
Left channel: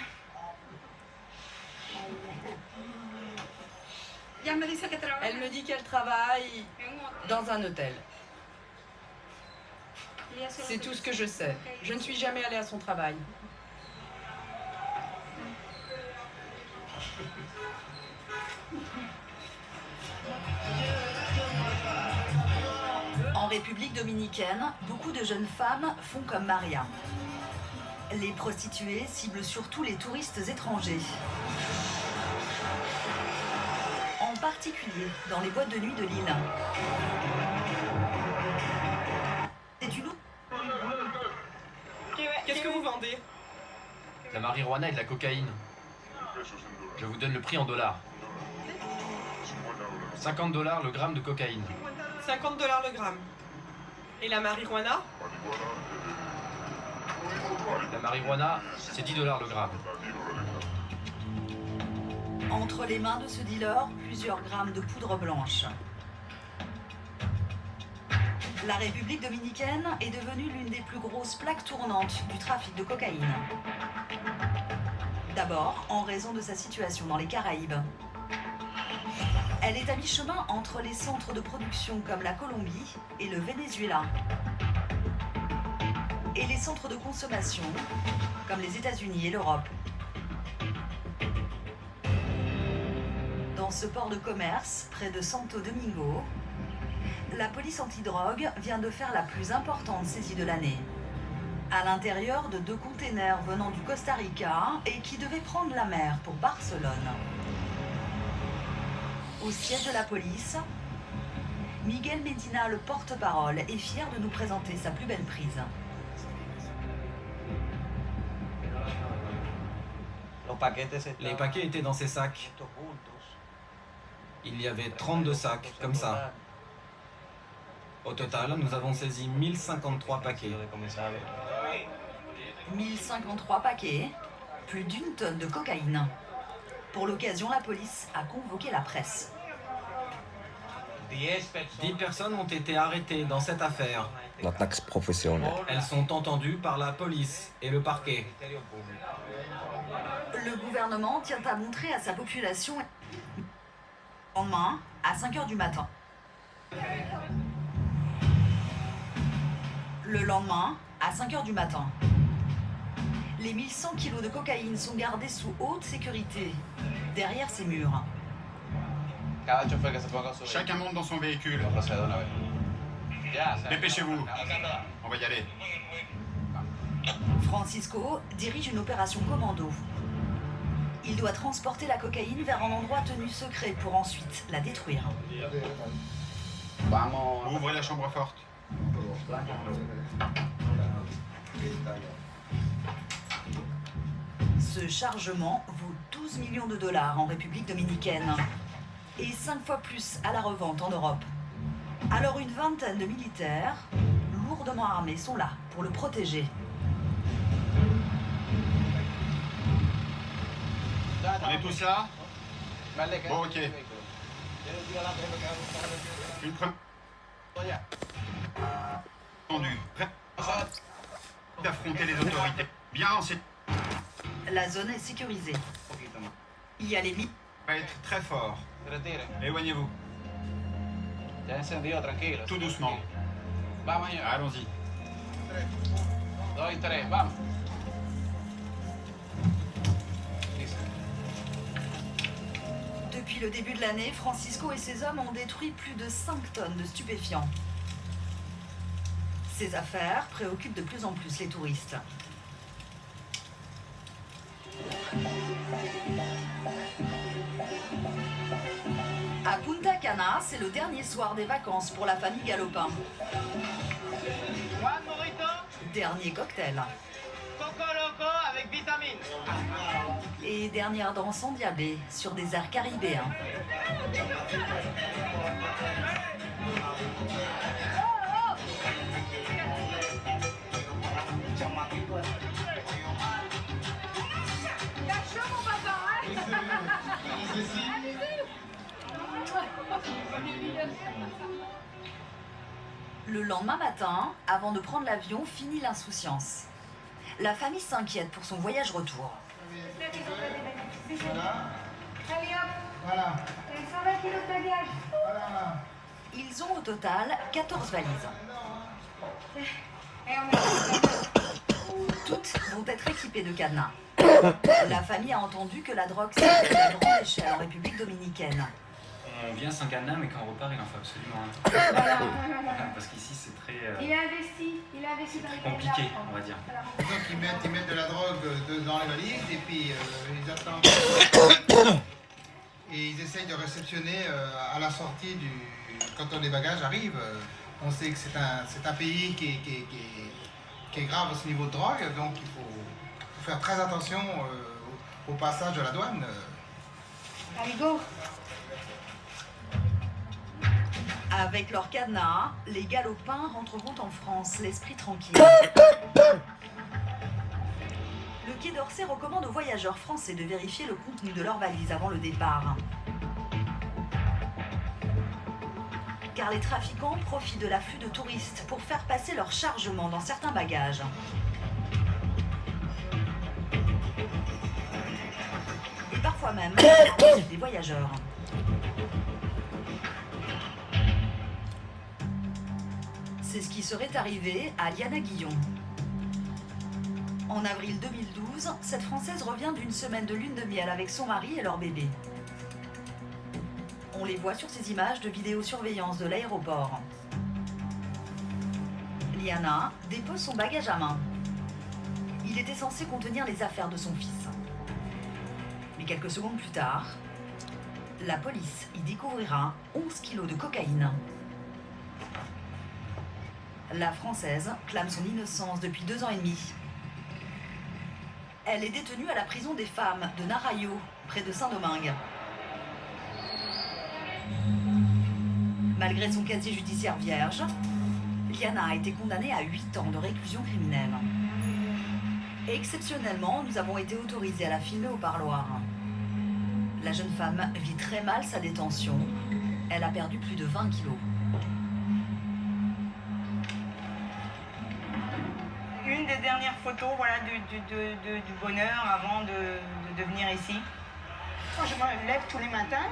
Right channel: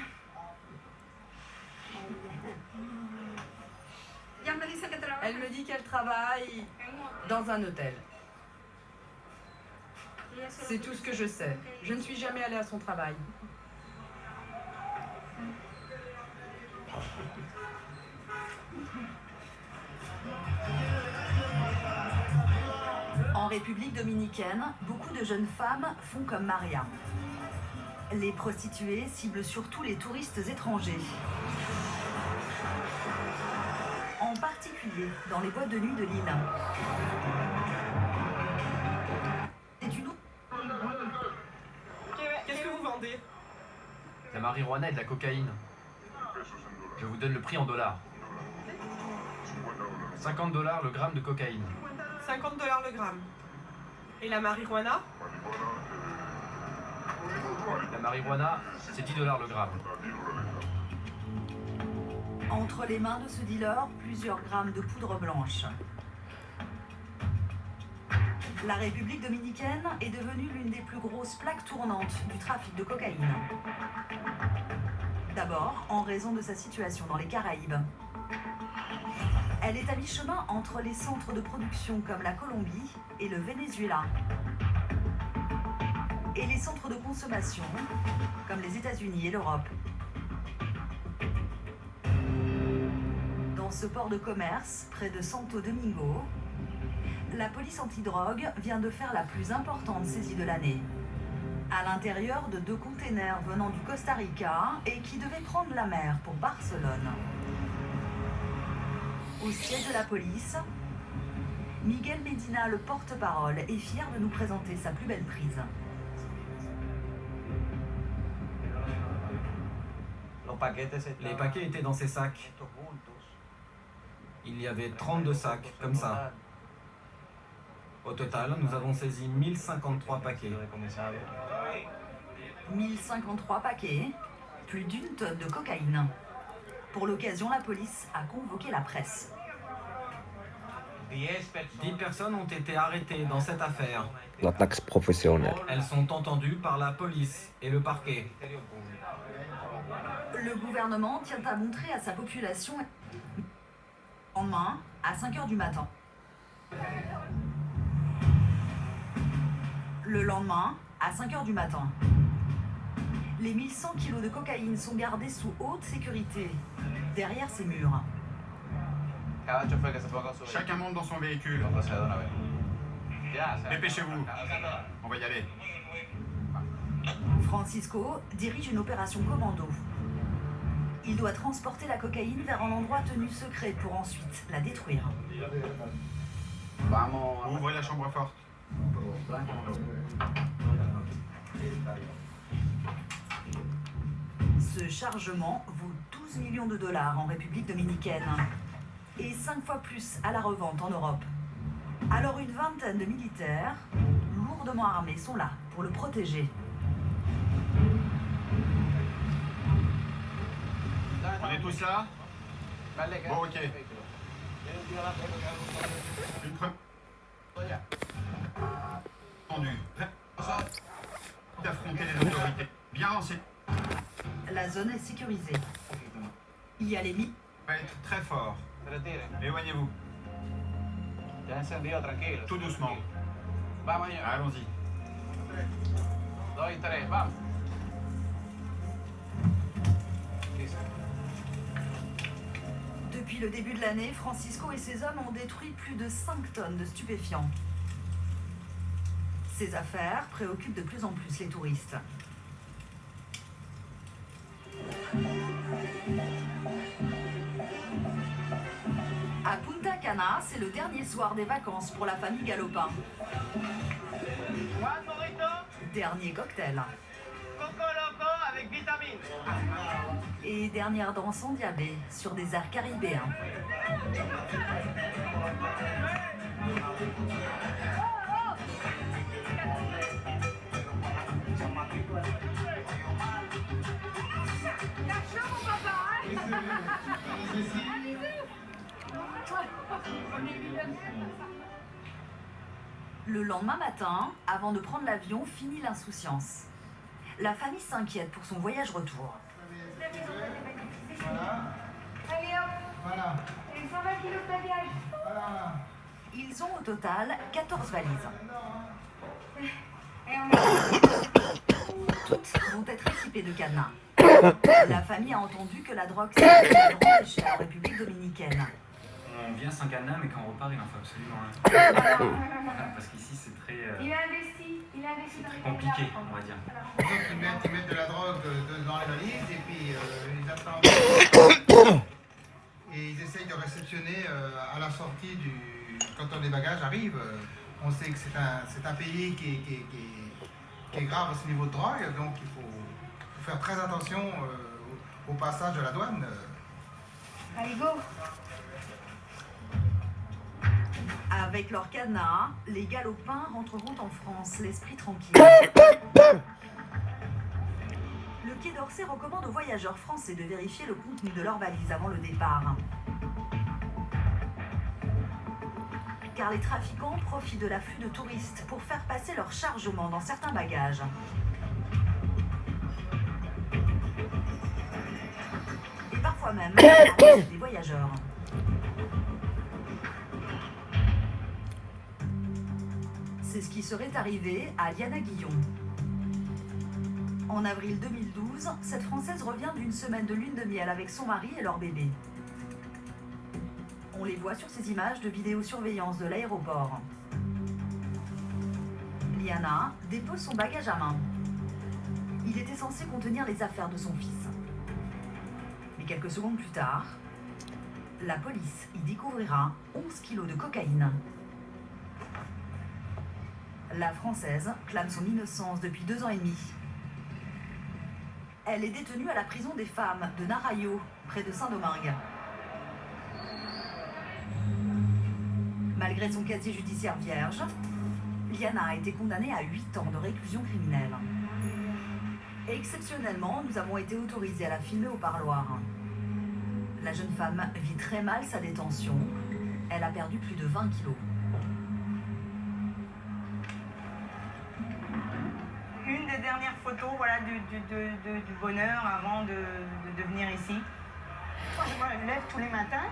Elle me dit qu'elle travaille dans un hôtel. C'est tout ce que je sais. Je ne suis jamais allée à son travail. En République dominicaine, beaucoup de jeunes femmes font comme Maria. Les prostituées ciblent surtout les touristes étrangers. En particulier dans les boîtes de nuit de l'île. Qu'est-ce que vous vendez? La marijuana et de la cocaïne. Je vous donne le prix en dollars. 50 $ le gramme de cocaïne. 50 $ le gramme. Et la marijuana? La marijuana, c'est 10 $ le gramme. Entre les mains de ce dealer, plusieurs grammes de poudre blanche. La République dominicaine est devenue l'une des plus grosses plaques tournantes du trafic de cocaïne. D'abord, en raison de sa situation dans les Caraïbes. Elle est à mi-chemin entre les centres de production comme la Colombie et le Venezuela. Et les centres de consommation comme les États-Unis et l'Europe. Dans ce port de commerce, près de Santo Domingo, la police antidrogue vient de faire la plus importante saisie de l'année. À l'intérieur de 2 containers venant du Costa Rica et qui devaient prendre la mer pour Barcelone. Au siège de la police, Miguel Medina, le porte-parole, est fier de nous présenter sa plus belle prise. Les paquets étaient dans ces sacs. Il y avait 32 sacs, comme ça. Au total, nous avons saisi 1053 paquets. 1053 paquets, plus d'1 tonne de cocaïne. Pour l'occasion, la police a convoqué la presse. 10 personnes ont été arrêtées dans cette affaire. La taxe professionnelle. Elles sont entendues par la police et le parquet. Le gouvernement tient à montrer à sa population le lendemain à 5 h du matin. Le lendemain, à 5 h du matin. Les 1100 kilos de cocaïne sont gardés sous haute sécurité, derrière ces murs. Chacun monte dans son véhicule. Dépêchez-vous. On va y aller. Francisco dirige une opération commando. Il doit transporter la cocaïne vers un endroit tenu secret pour ensuite la détruire. Ouvrez la chambre forte. Ce chargement vaut 12 millions de dollars en République dominicaine et 5 fois plus à la revente en Europe. Alors une vingtaine de militaires, lourdement armés, sont là pour le protéger. On est tous là? Bon, ok. Une preuve. Entendu. Prêt d'affronter les autorités. Bien renseigné. La zone est sécurisée. Il y a les militaires. Va être très fort. Éloignez-vous. Tout doucement. Allons-y. Depuis le début de l'année, Francisco et ses hommes ont détruit plus de 5 tonnes de stupéfiants. Ces affaires préoccupent de plus en plus les touristes. À Punta Cana, c'est le dernier soir des vacances pour la famille Galopin. Juan Morito, Dernier cocktail. Coco Loco avec vitamine. Et dernière danse endiablée sur des airs caribéens. Le lendemain matin, avant de prendre l'avion, finit l'insouciance. La famille s'inquiète pour son voyage retour. Voilà. 120 kilos de bagages. Ils ont au total 14 valises. Toutes vont être équipées de cadenas. La famille a entendu que la drogue circule à grande échelle en République dominicaine. On vient sans cadenas, mais quand on repart, il en faut absolument un. Parce qu'ici, c'est très, Il a investi dans les compliqué, on va dire. Donc ils mettent de la drogue dans les valises et puis ils attendent et ils essayent de réceptionner à la sortie quand les bagages arrivent. On sait que c'est un pays qui est grave à ce niveau de drogue, donc il faut faire très attention au passage de la douane. Allez, go. Avec leur cadenas, les Galopins rentreront en France, l'esprit tranquille. Le Quai d'Orsay recommande aux voyageurs français de vérifier le contenu de leur valise avant le départ. Car les trafiquants profitent de l'afflux de touristes pour faire passer leur chargement dans certains bagages. Et parfois même à l'insu des voyageurs. C'est ce qui serait arrivé à Liana Guillon. En avril 2012, cette Française revient d'une semaine de lune de miel avec son mari et leur bébé. On les voit sur ces images de vidéosurveillance de l'aéroport. Liana dépose son bagage à main. Il était censé contenir les affaires de son fils. Mais quelques secondes plus tard, la police y découvrira 11 kilos de cocaïne. La Française clame son innocence depuis 2 ans et demi. Elle est détenue à la prison des femmes de Narayo, près de Saint-Domingue. Malgré son casier judiciaire vierge, Liana a été condamnée à 8 ans de réclusion criminelle. Et exceptionnellement, nous avons été autorisés à la filmer au parloir. La jeune femme vit très mal sa détention. Elle a perdu plus de 20 kilos. Une des dernières photos, voilà, du bonheur avant de venir ici. Quand je me lève tous les matins,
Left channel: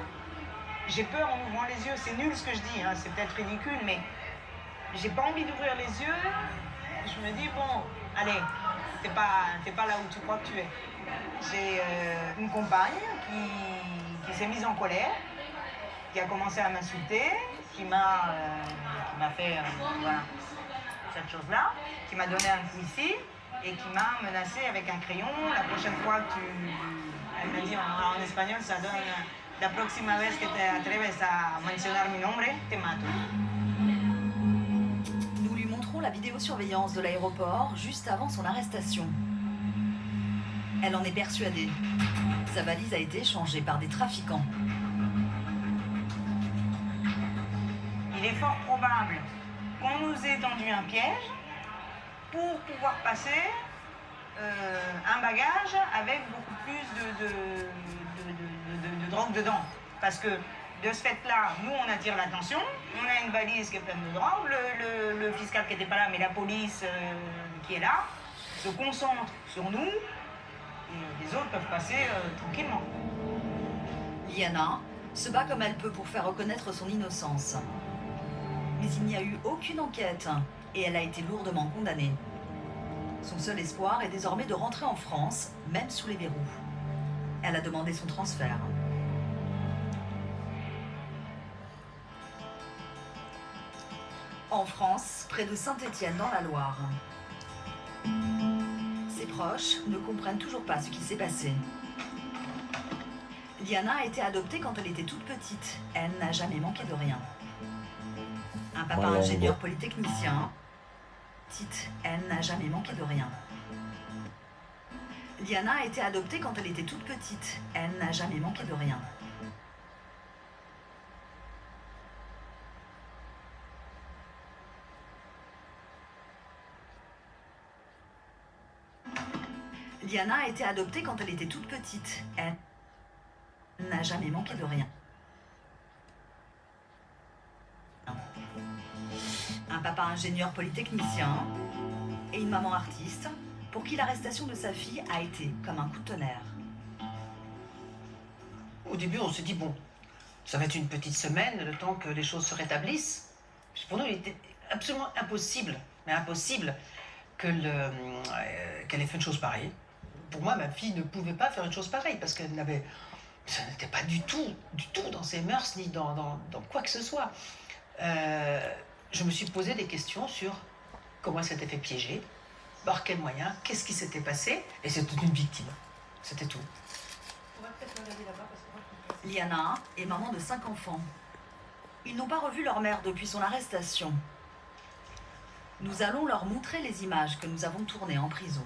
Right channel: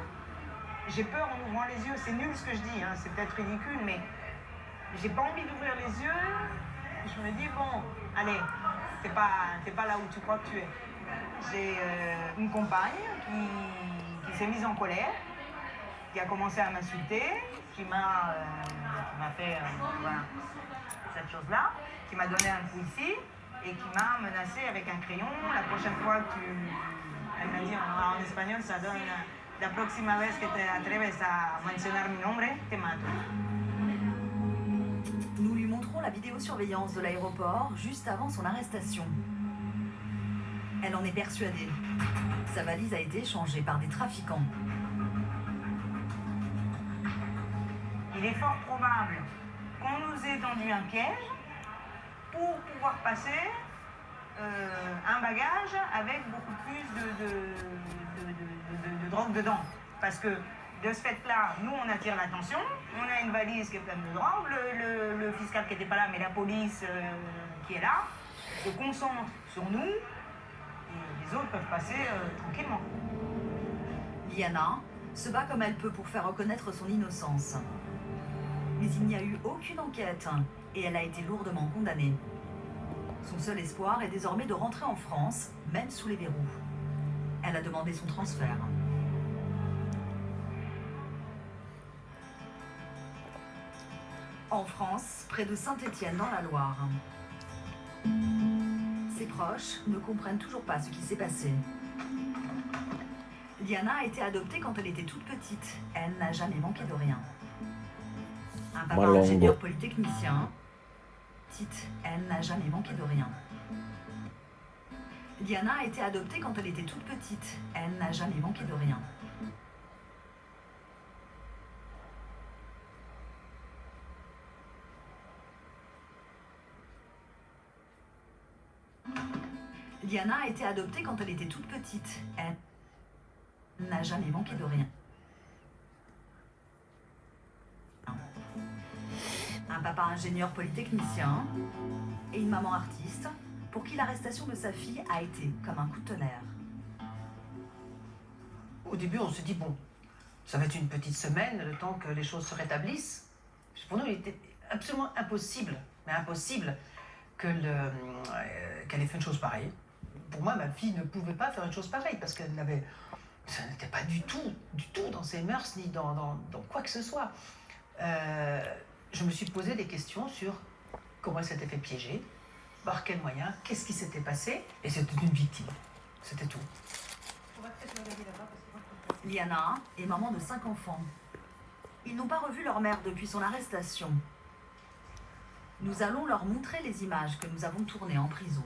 j'ai peur en ouvrant les yeux. C'est nul ce que je dis, hein, c'est peut-être ridicule, mais j'ai pas envie d'ouvrir les yeux. Je me dis, bon, allez, t'es pas là où tu crois que tu es. J'ai une compagne qui s'est mise en colère qui a commencé à m'insulter, qui m'a fait voilà, cette chose-là, qui m'a donné un coup ici et qui m'a menacé avec un crayon. La prochaine fois que elle m'a dit en espagnol, ça donne la próxima vez que te atreves a mencionar mi nombre, te mato. Nous lui montrons la vidéosurveillance de l'aéroport juste avant son arrestation. Elle en est persuadée. Sa valise a été échangée par des trafiquants. Il est fort probable qu'on nous ait tendu un piège pour pouvoir passer un bagage avec beaucoup plus de drogue dedans. Parce que de ce fait-là, nous, on attire l'attention. On a une valise qui est pleine de drogue. Le fiscal qui n'était pas là, mais la police qui est là, se concentre sur nous. Et les autres peuvent passer tranquillement. Liana se bat comme elle peut pour faire reconnaître son innocence. Mais il n'y a eu aucune enquête et elle a été lourdement condamnée. Son seul espoir est désormais de rentrer en France, même sous les verrous. Elle a demandé son transfert. En France, près de Saint-Étienne dans la Loire. Ses proches ne comprennent toujours pas ce qui s'est passé. Liana a été adoptée quand elle était toute petite. Elle n'a jamais manqué de rien. Un papa ingénieur polytechnicien. Petite, elle n'a jamais manqué de rien. Liana a été adoptée quand elle était toute petite. Elle n'a jamais manqué de rien. Liana a été adoptée quand elle était toute petite. Elle n'a jamais manqué de rien. Un papa ingénieur polytechnicien et une maman artiste pour qui l'arrestation de sa fille a été comme un coup de tonnerre. Au début, on se dit, bon, ça va être une petite semaine, le temps que les choses se rétablissent. Pour nous, il était absolument impossible, mais impossible qu'elle ait fait une chose pareille. Pour moi, ma fille ne pouvait pas faire une chose pareille parce qu'elle n'avait... Ça n'était pas du tout dans ses mœurs ni dans quoi que ce soit. Je me suis posé des questions sur comment elle s'était fait piéger, par quels moyens, qu'est-ce qui s'était passé, et c'était une victime. C'était tout. Liana est maman de 5 enfants. Ils n'ont pas revu leur mère depuis son arrestation. Nous allons leur montrer les images que nous avons tournées en prison.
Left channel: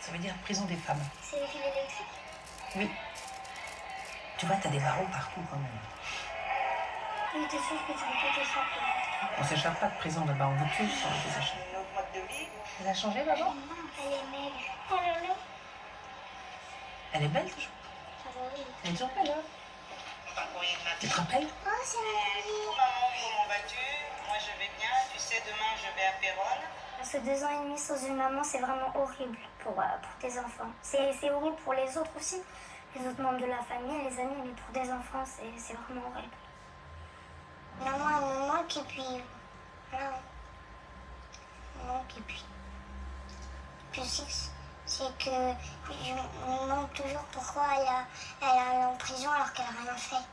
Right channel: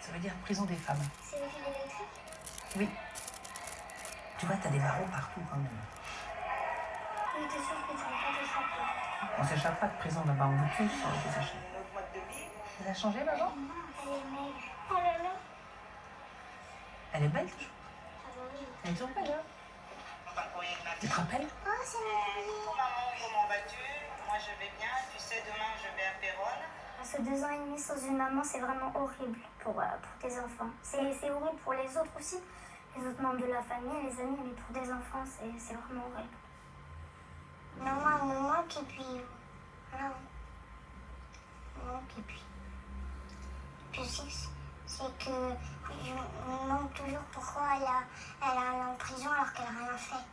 Ça veut dire prison des femmes. C'est le fil électrique? Oui. Tu vois, t'as des barreaux partout quand même. Oui, t'es sûr que tu peux pas t'échapper? On s'échappe pas de prison là-bas, on veut tous s'échapper. Elle a changé, maman? Non, elle est maigre. Oh là là. Elle est belle toujours. Ah bah oui. Elle est toujours belle, hein? Tu te rappelles? Oh, c'est mon courrier. Maman, comment vas-tu? Moi, je vais bien. Tu sais, demain, je vais à Péronne. Ce 2 ans et demi sans une maman, c'est vraiment horrible pour tes enfants. C'est horrible pour les autres aussi, les autres membres de la famille, les amis, mais pour des enfants, c'est vraiment horrible. Maman, elle me manque et puis... Non. Elle me manque et puis... Puis c'est que je me demande toujours pourquoi elle est en prison alors qu'elle n'a rien fait.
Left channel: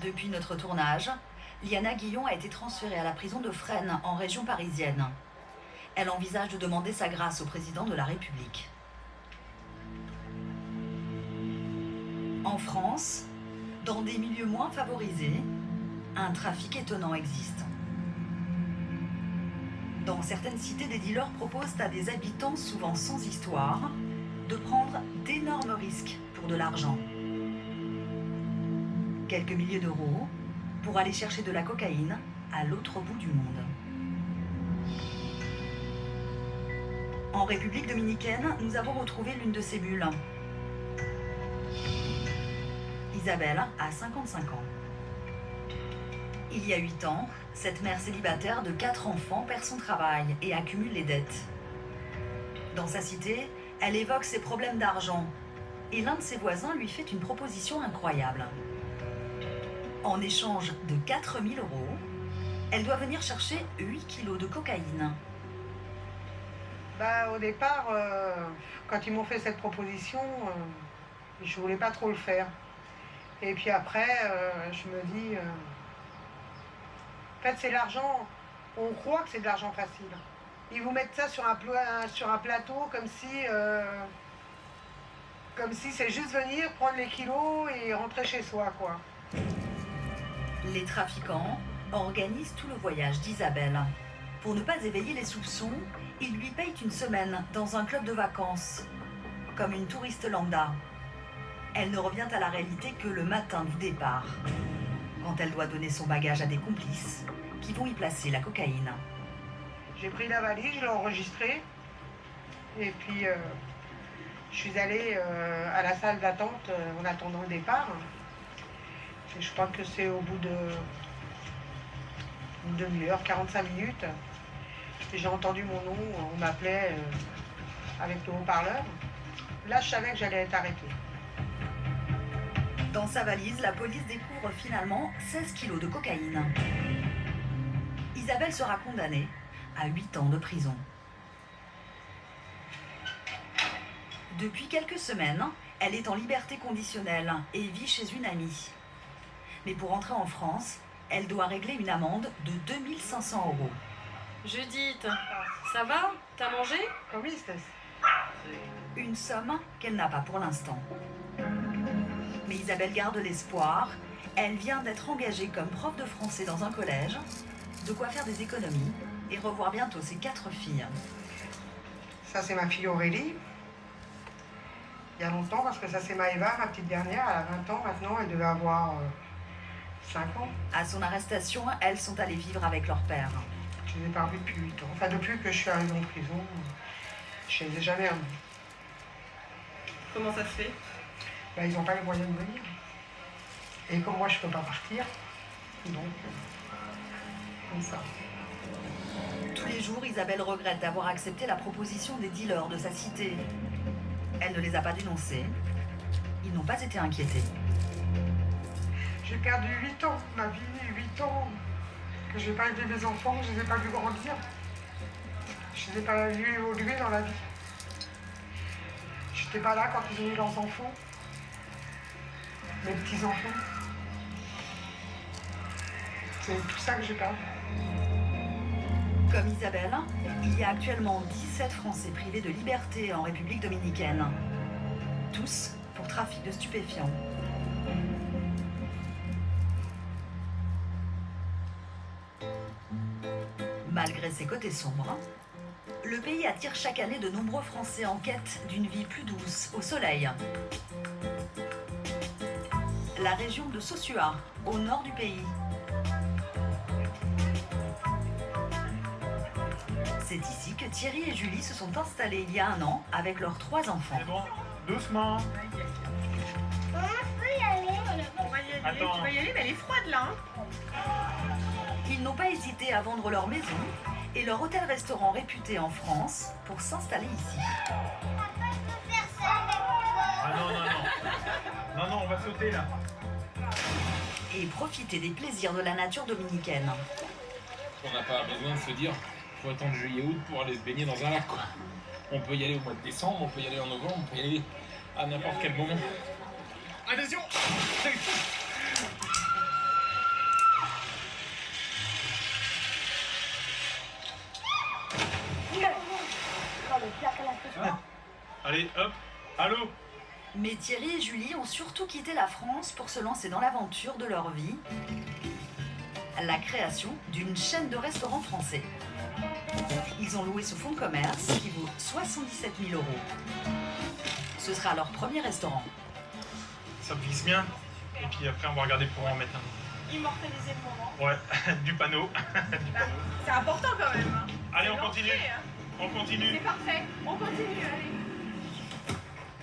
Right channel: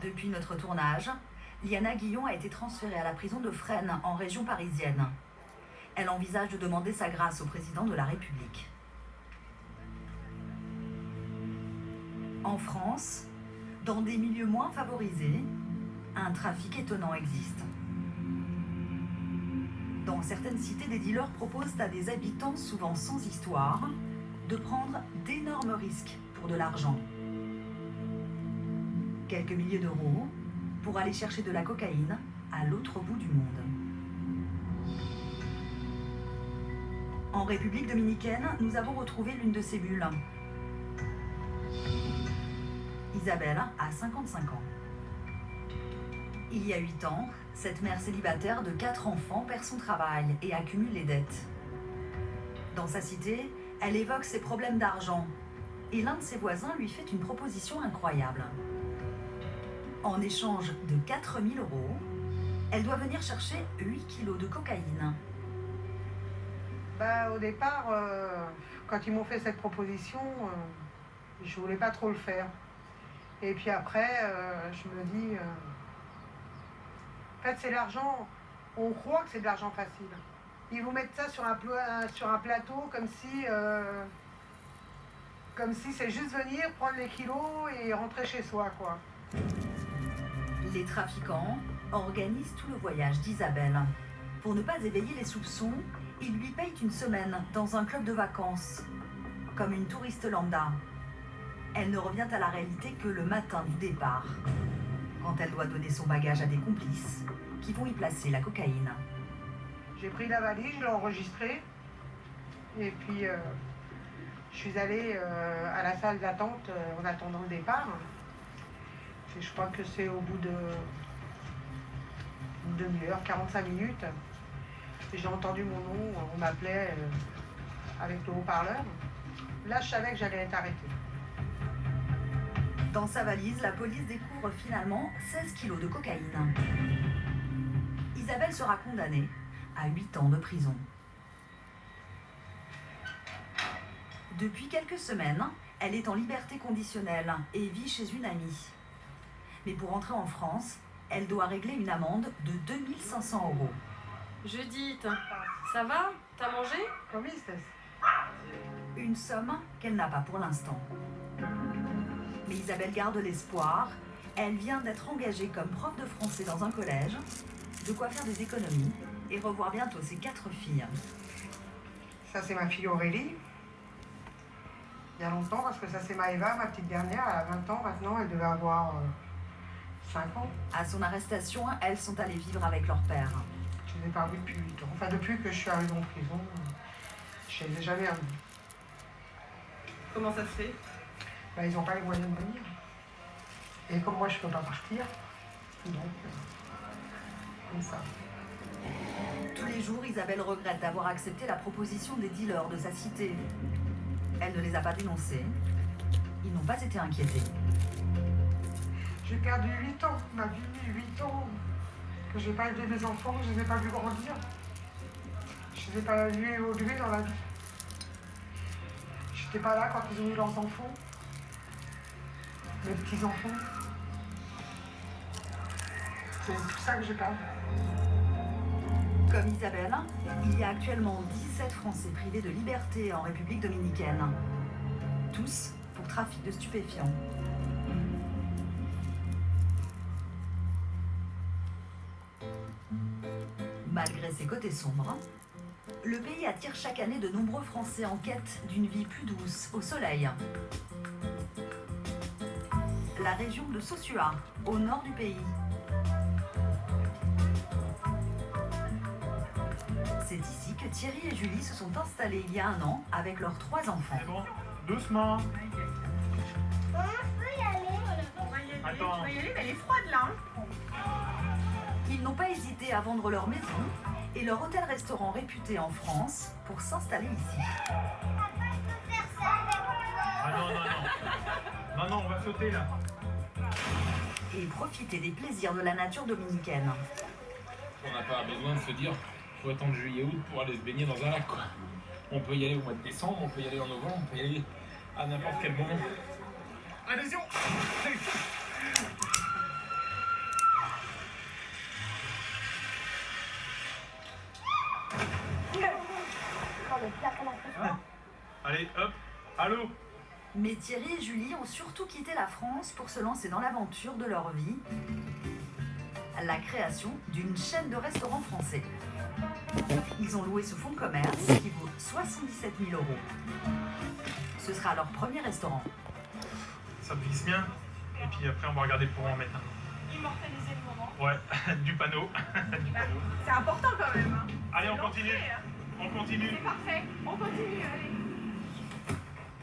Depuis notre tournage, Liana Guillon a été transférée à la prison de Fresnes, en région parisienne. Elle envisage de demander sa grâce au président de la République. En France, dans des milieux moins favorisés, un trafic étonnant existe. Dans certaines cités, des dealers proposent à des habitants souvent sans histoire de prendre d'énormes risques pour de l'argent. Quelques milliers d'euros pour aller chercher de la cocaïne à l'autre bout du monde. En République dominicaine, nous avons retrouvé l'une de ces bulles. Isabelle a 55 ans. Il y a 8 ans, cette mère célibataire de 4 enfants perd son travail et accumule les dettes. Dans sa cité, elle évoque ses problèmes d'argent et l'un de ses voisins lui fait une proposition incroyable. En échange de 4 000 €, elle doit venir chercher 8 kilos de cocaïne. Bah, au départ, quand ils m'ont fait cette proposition, je voulais pas trop le faire. Et puis après, je me dis... en fait, c'est l'argent... On croit que c'est de l'argent facile. Ils vous mettent ça sur un plateau comme si c'est juste venir, prendre les kilos et rentrer chez soi, quoi. Les trafiquants organisent tout le voyage d'Isabelle. Pour ne pas éveiller les soupçons, ils lui payent une semaine dans un club de vacances, comme une touriste lambda. Elle ne revient à la réalité que le matin du départ, quand elle doit donner son bagage à des complices qui vont y placer la cocaïne. J'ai pris la valise, je l'ai enregistrée, et puis je suis allée à la salle d'attente en attendant le départ. Et je crois que c'est au bout d'une demi-heure, 45 minutes. Et j'ai entendu mon nom, on m'appelait avec le haut-parleur. Là, je savais que j'allais être arrêtée. Dans sa valise, la police découvre finalement 16 kilos de cocaïne. Isabelle sera condamnée à 8 ans de prison. Depuis quelques semaines, elle est en liberté conditionnelle et vit chez une amie. Mais pour entrer en France, elle doit régler une amende de 2 500 €. Judith, ça va? T'as mangé? Comment c'est? Une somme qu'elle n'a pas pour l'instant. Mais Isabelle garde l'espoir. Elle vient d'être engagée comme prof de français dans un collège, de quoi faire des économies et revoir bientôt ses 4 filles. Ça, c'est ma fille Aurélie. Il y a longtemps, parce que ça, c'est Maëva, ma petite dernière. Elle a 20 ans maintenant, elle devait avoir 5 ans. À son arrestation, elles sont allées vivre avec leur père. Je les ai pas revues depuis 8 ans. Enfin, depuis que je suis arrivée en prison, je les ai jamais revues. Comment ça se fait? Bah, ils n'ont pas les moyens de venir. Et comme moi, je peux pas partir, donc, comme ça. Tous les jours, Isabelle regrette d'avoir accepté la proposition des dealers de sa cité. Elle ne les a pas dénoncés. Ils n'ont pas été inquiétés. J'ai perdu 8 ans, ma vie, 8 ans, que je n'ai pas élevé mes enfants, que je ne les ai pas vus grandir. Je ne les ai pas vus évoluer dans la vie. Je n'étais pas là quand ils ont eu leurs enfants, mes petits-enfants. C'est tout ça que j'ai perdu. Comme Isabelle, il y a actuellement 17 Français privés de liberté en République dominicaine. Tous pour trafic de stupéfiants. Malgré ses côtés sombres, le pays attire chaque année de nombreux Français en quête d'une vie plus douce, au soleil. La région de Sosua, au nord du pays. C'est ici que Thierry et Julie se sont installés il y a 1 an avec leurs 3 enfants. C'est bon, doucement. Maman, je peux y aller? Attends. Tu vas y aller, mais elle est froide là. Ils n'ont pas hésité à vendre leur maison et leur hôtel-restaurant réputé en France pour s'installer ici. Ah non, non, on va sauter là. Et profiter des plaisirs de la nature dominicaine. On n'a pas besoin de se dire faut attendre juillet-août pour aller se baigner dans un lac, quoi. On peut y aller au mois de décembre, on peut y aller en novembre, on peut y aller à n'importe quel moment. Attention! Allez, hop, allô? Mais Thierry et Julie ont surtout quitté la France pour se lancer dans l'aventure de leur vie. La création d'une chaîne de restaurants français. Ils ont loué ce fonds de commerce qui vaut 77 000 €. Ce sera leur premier restaurant. Ça glisse bien. Et puis après, on va regarder pour en mettre un. Immortalisé pour moi. Ouais, du panneau. Du panneau. C'est important quand même. Hein. Allez, on C'est continue. l'entrée, hein. On continue. C'est parfait. On continue, allez.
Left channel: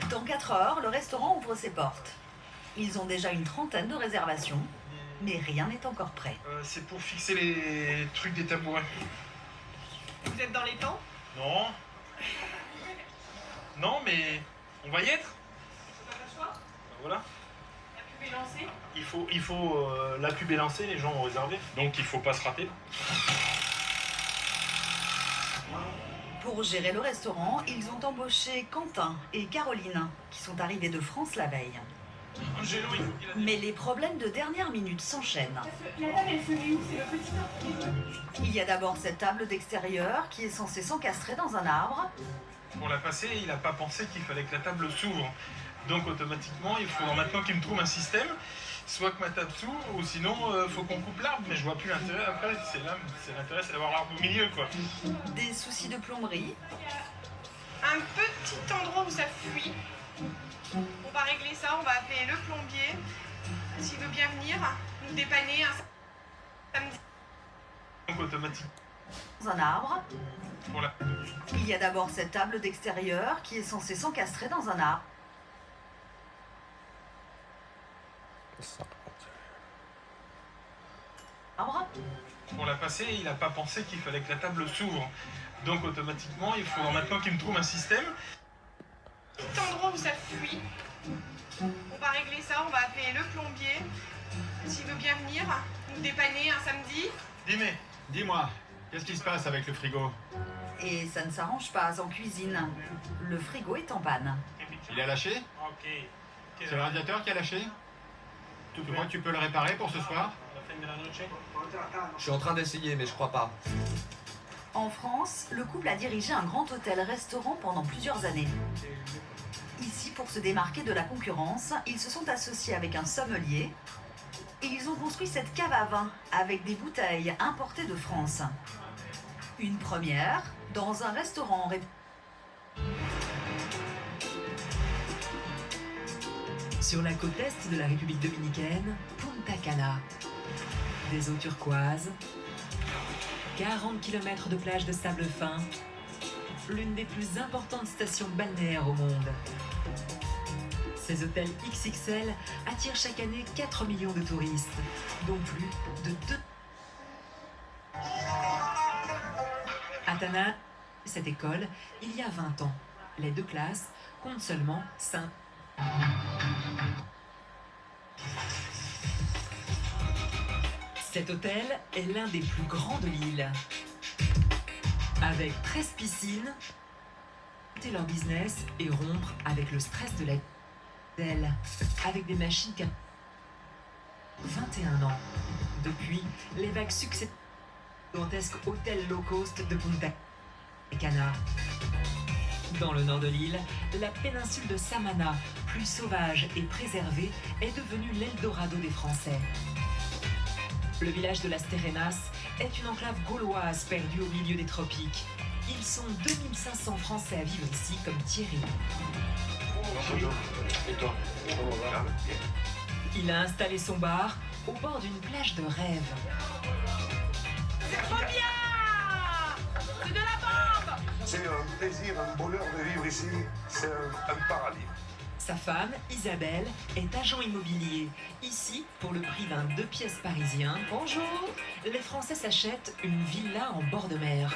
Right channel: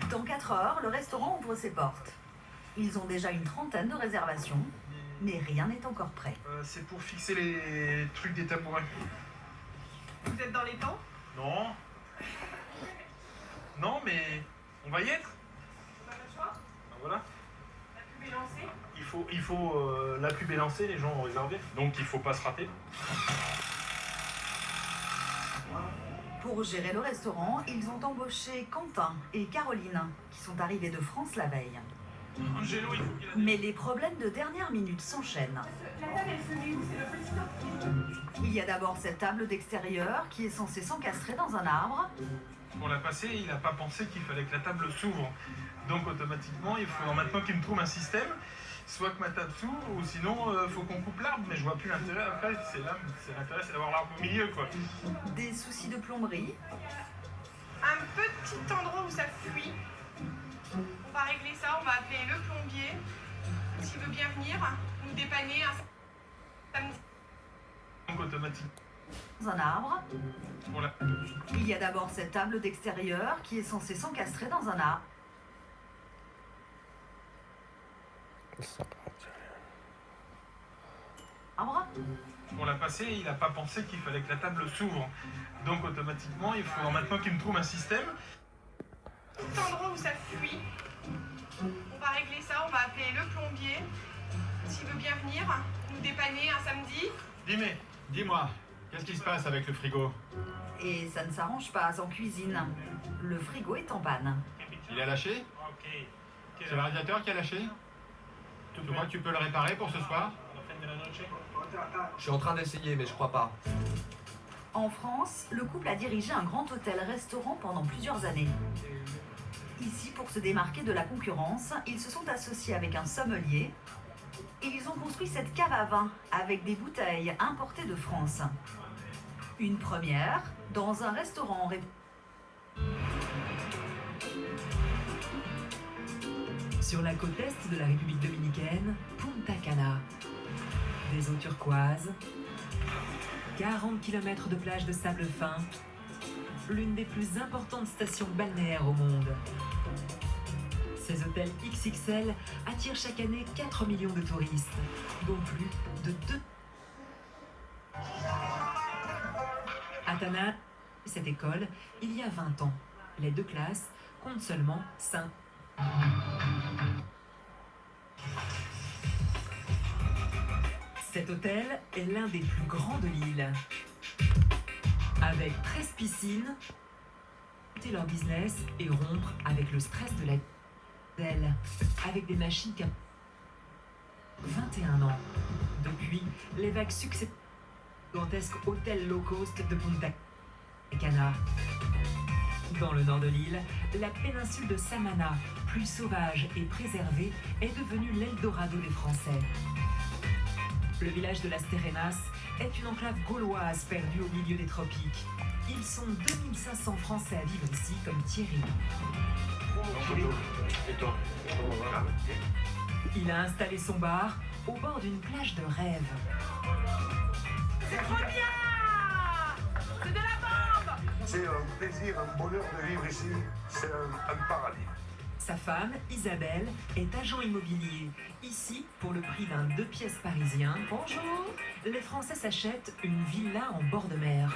Dans 4 heures, le restaurant ouvre ses portes. Ils ont déjà une trentaine de réservations, mais rien n'est encore prêt. C'est pour fixer les trucs des tabourets. Vous êtes dans les temps? Non. Non, mais on va y être. On n'a pas le choix? Ben voilà. La pub est lancée? Il faut la pub est lancée, les gens ont réservé. Donc il faut pas se rater. Pour Pour gérer le restaurant, ils ont embauché Quentin et Caroline, qui sont arrivés de France la veille. Mais les problèmes de dernière minute s'enchaînent. La table, elle se met où? C'est le petit Il y a d'abord cette table d'extérieur qui est censée s'encastrer dans un arbre. Pour la passer, il n'a pas pensé qu'il fallait que la table s'ouvre. Donc automatiquement, il faudra maintenant qu'il me trouve un système, soit que ma table s'ouvre, ou sinon, faut qu'on coupe l'arbre. Mais je vois plus l'intérêt après. L'intérêt, c'est d'avoir l'arbre au milieu, quoi. Des soucis de plomberie. Un petit endroit où ça fuit. On va régler ça, on va appeler le plombier. S'il veut bien venir nous dépanner un samedi. Donc automatiquement. Dans un arbre. Voilà. Il y a d'abord cette table d'extérieur qui est censée s'encastrer dans un arbre. Pour la passer, il n'a pas pensé qu'il fallait que la table s'ouvre. Donc automatiquement, il faudra maintenant qu'il me trouve un système. Petit endroit où ça fuit. On va régler ça, on va appeler le plombier. S'il veut bien venir nous dépanner un samedi. Dis-moi, qu'est-ce qui se passe avec le frigo? Et ça ne s'arrange pas en cuisine. Le frigo est en panne. Il a lâché? C'est le radiateur qui a lâché? Tu crois que tu peux le réparer pour ce soir? Je suis en train d'essayer, mais je crois pas. En France, le couple a dirigé un grand hôtel-restaurant pendant plusieurs années. Ici, pour se démarquer de la concurrence, ils se sont associés avec un sommelier et ils ont construit cette cave à vin avec des bouteilles importées de France. Une première dans un restaurant. Sur la côte est de la République dominicaine, Punta Cana. Des eaux turquoises, 40 km de plage de sable fin, l'une des plus importantes stations balnéaires au monde. Ces hôtels XXL attirent chaque année 4 millions de touristes, dont plus de 2. À Tana, cette école, il y a 20 ans. Les deux classes comptent seulement 5. Cet hôtel est l'un des plus grands de l'île. Avec 13 piscines, monter leur business et rompre avec le stress de la ville, avec des machines qui 21 ans. Depuis, les vagues successives du gigantesque hôtel low cost de Punta Cana. Dans le nord de l'île, la péninsule de Samana, plus sauvage et préservée, est devenue l'Eldorado des Français. Le village de Las Terrenas est une enclave gauloise perdue au milieu des tropiques. Ils sont 2500 Français à vivre ici, comme Thierry. Il a installé son bar au bord d'une plage de rêve. C'est trop bien! C'est de la bombe! C'est un plaisir, un bonheur de vivre ici. C'est un paradis. Sa femme, Isabelle, est agent immobilier. Ici, pour le prix d'un 2 pièces parisien, bonjour, les Français s'achètent une villa en bord de mer.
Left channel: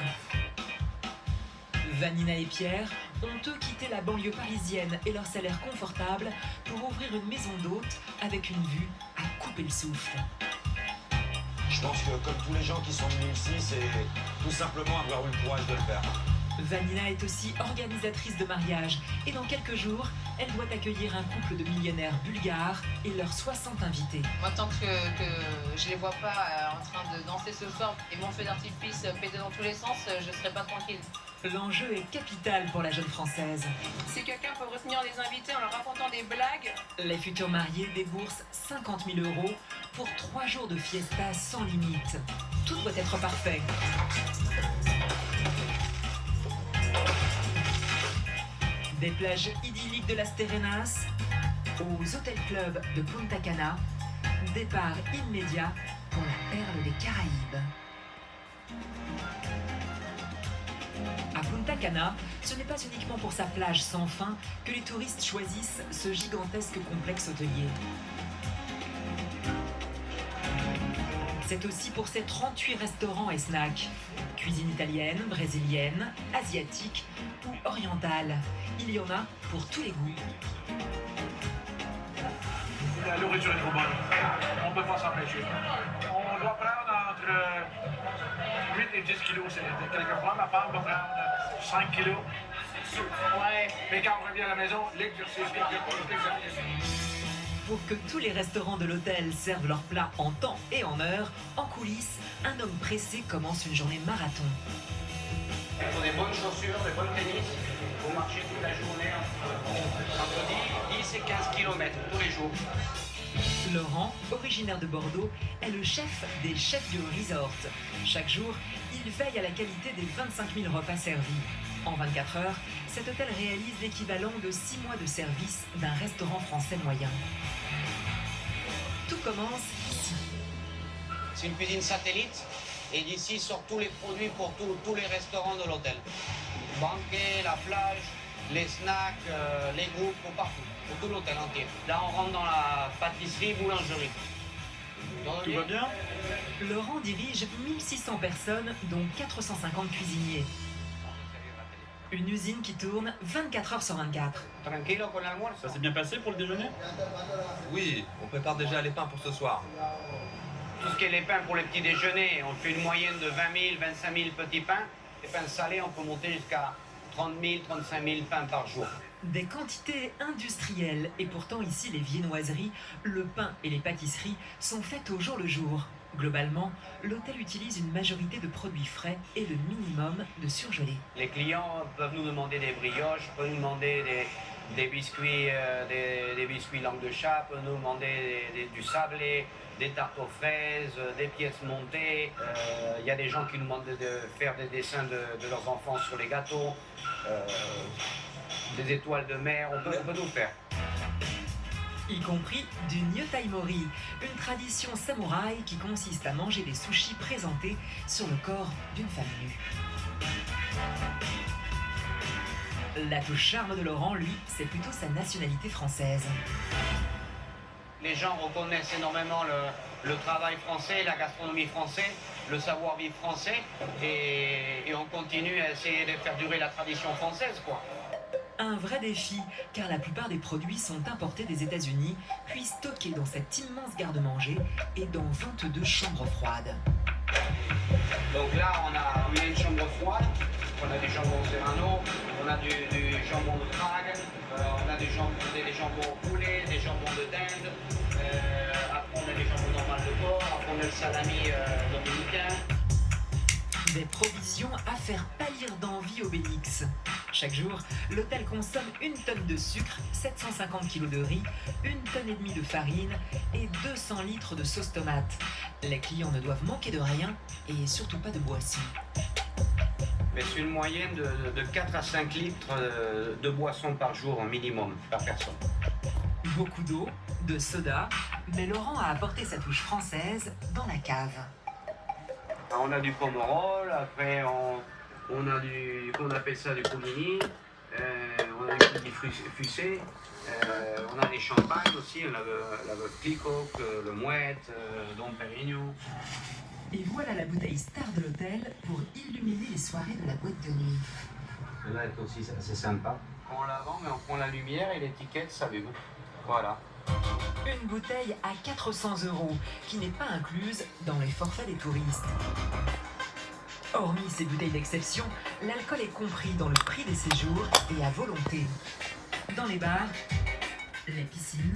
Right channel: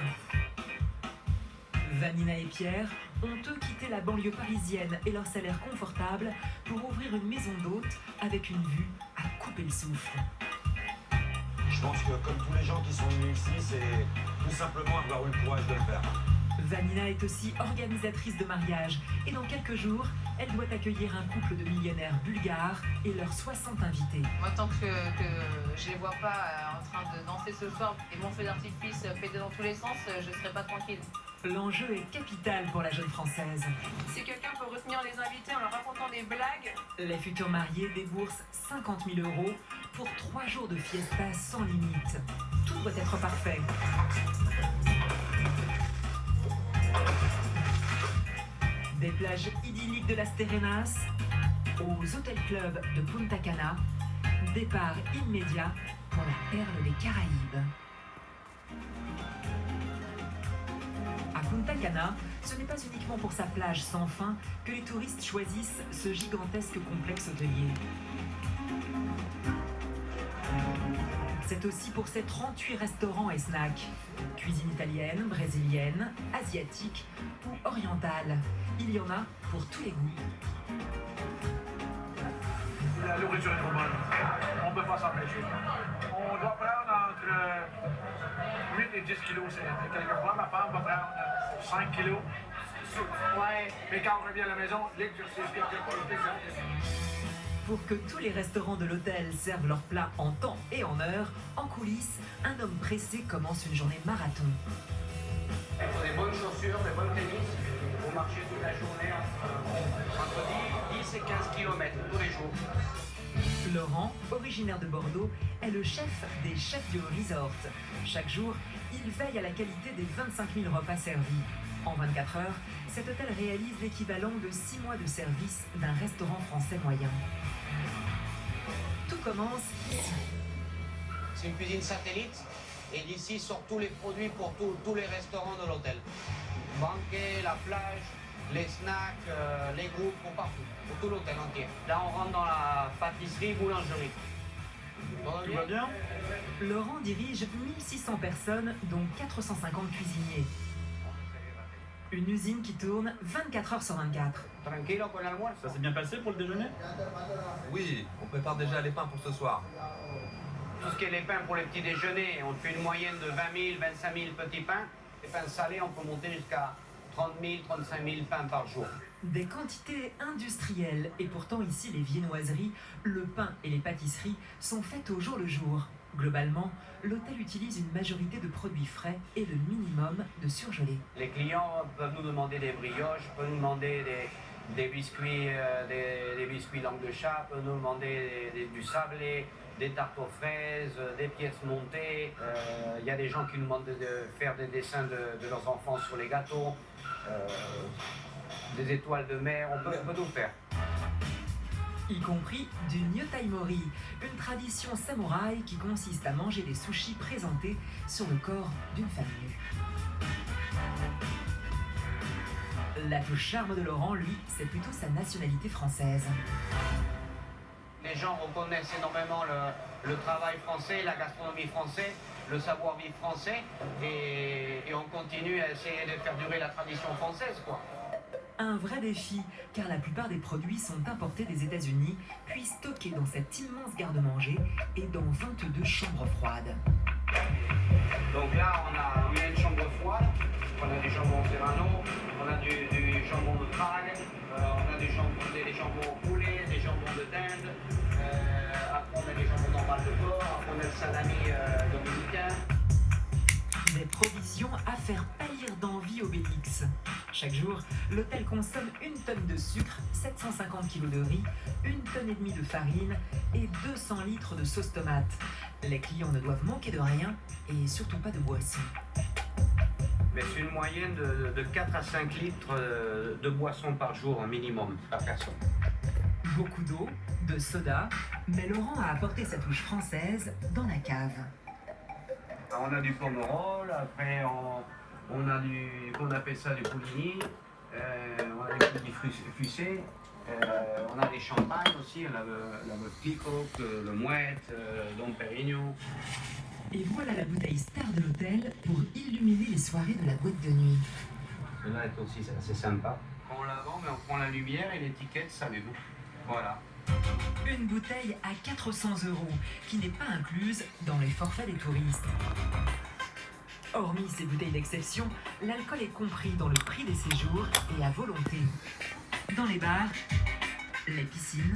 Vanina et Pierre ont eux quitté la banlieue parisienne et leur salaire confortable pour ouvrir une maison d'hôte avec une vue à couper le souffle. Je pense que comme tous les gens qui sont venus ici, c'est tout simplement avoir eu le courage de le faire. Vanina est aussi organisatrice de mariage et dans quelques jours, elle doit accueillir un couple de millionnaires bulgares et leurs 60 invités. Moi, tant que je les vois pas en train de danser ce soir et mon feu d'artifice péter dans tous les sens, je serai pas tranquille. L'enjeu est capital pour la jeune Française. Si quelqu'un peut retenir les invités en leur racontant des blagues... Les futurs mariés déboursent 50 000 € pour 3 jours de fiesta sans limite. Tout doit être parfait. Des plages idylliques de Las Terrenas aux hôtels clubs de Punta Cana, départ immédiat pour la perle des Caraïbes. À Punta Cana, ce n'est pas uniquement pour sa plage sans fin que les touristes choisissent ce gigantesque complexe hôtelier. C'est aussi pour ses 38 restaurants et snacks. Cuisine italienne, brésilienne, asiatique ou orientale. Il y en a pour tous les goûts. La nourriture est trop bonne. On peut pas s'empêcher. On doit prendre entre 8 et 10 kilos. Quelquefois, ma femme va prendre 5 kilos. Ouais, mais quand on revient à la maison, l'exercice. Pour que tous les restaurants de l'hôtel servent leurs plats en temps et en heure, en coulisses, un homme pressé commence une journée marathon. Il faut des bonnes chaussures, des bonnes tennis. Vous marchez toute la journée entre 10 et 15 km tous les jours. Laurent, originaire de Bordeaux, est le chef des chefs du resort. Chaque jour, il veille à la qualité des 25 000 repas servis. En 24 heures, cet hôtel réalise l'équivalent de 6 mois de service d'un restaurant français moyen. Tout commence ici. C'est une cuisine satellite et d'ici sortent tous les produits pour tous les restaurants de l'hôtel. Banquet, la plage, les snacks, les groupes, pour partout, pour tout l'hôtel entier. Là, on rentre dans la pâtisserie-boulangerie. Tout va bien ? Laurent dirige 1600 personnes, dont 450 cuisiniers. Une usine qui tourne 24 heures sur 24. Ça s'est bien passé pour le déjeuner? Oui, on prépare déjà les pains pour ce soir. Tout ce qui est les pains pour les petits déjeuners, on fait une moyenne de 20 000, 25 000 petits pains. Les pains salés, on peut monter jusqu'à 30 000, 35 000 pains par jour. Des quantités industrielles, et pourtant ici les viennoiseries, le pain et les pâtisseries sont faites au jour le jour. Globalement, l'hôtel utilise une majorité de produits frais et le minimum de surgelés. Les clients peuvent nous demander des brioches, peuvent nous demander des biscuits, des biscuits langue de chat, peuvent nous demander du sablé, des tartes aux fraises, des pièces montées. Il y a des gens qui nous demandent de faire des dessins de leurs enfants sur les gâteaux, des étoiles de mer, on peut tout faire. Y compris du Nyotaimori, une tradition samouraï qui consiste à manger des sushis présentés sur le corps d'une femme nue. L'atout charme de Laurent, lui, c'est plutôt sa nationalité française. Les gens reconnaissent énormément le travail français, la gastronomie française, le savoir-vivre français, et on continue à essayer de faire durer la tradition française, quoi. Un vrai défi, car la plupart des produits sont importés des États-Unis, puis stockés dans cette immense garde-manger et dans 22 chambres froides. Donc là, on a une chambre froide, on a des jambons serrano, on a du jambon de Prague, on a des jambons au poulet, des jambons de dinde, après on a des jambons normales de porc, après on a le salami dominicain. Des provisions à faire pâlir d'envie Obélix. Chaque jour, l'hôtel consomme 1 tonne de sucre, 750 kg de riz, 1 tonne et demie de farine et 200 litres de sauce tomate. Les clients ne doivent manquer de rien et surtout pas de boissons. Mais c'est une moyenne de 4 à 5 litres de boissons par jour en minimum, par personne. Beaucoup d'eau, de soda, mais Laurent a apporté sa touche française dans la cave. On a du pomerol, après on a on appelle ça du coligny, on a des petits fussés, on a des champagnes aussi, on a le Cliquot, le Mouette, le Dom Pérignon. Et voilà la bouteille star de l'hôtel pour illuminer les soirées de la boîte de nuit. Là aussi c'est assez sympa. On la vend mais on prend la lumière et l'étiquette s'allume. Voilà. Une bouteille à 400 €, qui n'est pas incluse dans les forfaits des touristes. Hormis ces bouteilles d'exception, l'alcool est compris dans le prix des séjours et à volonté. Dans les bars, les piscines,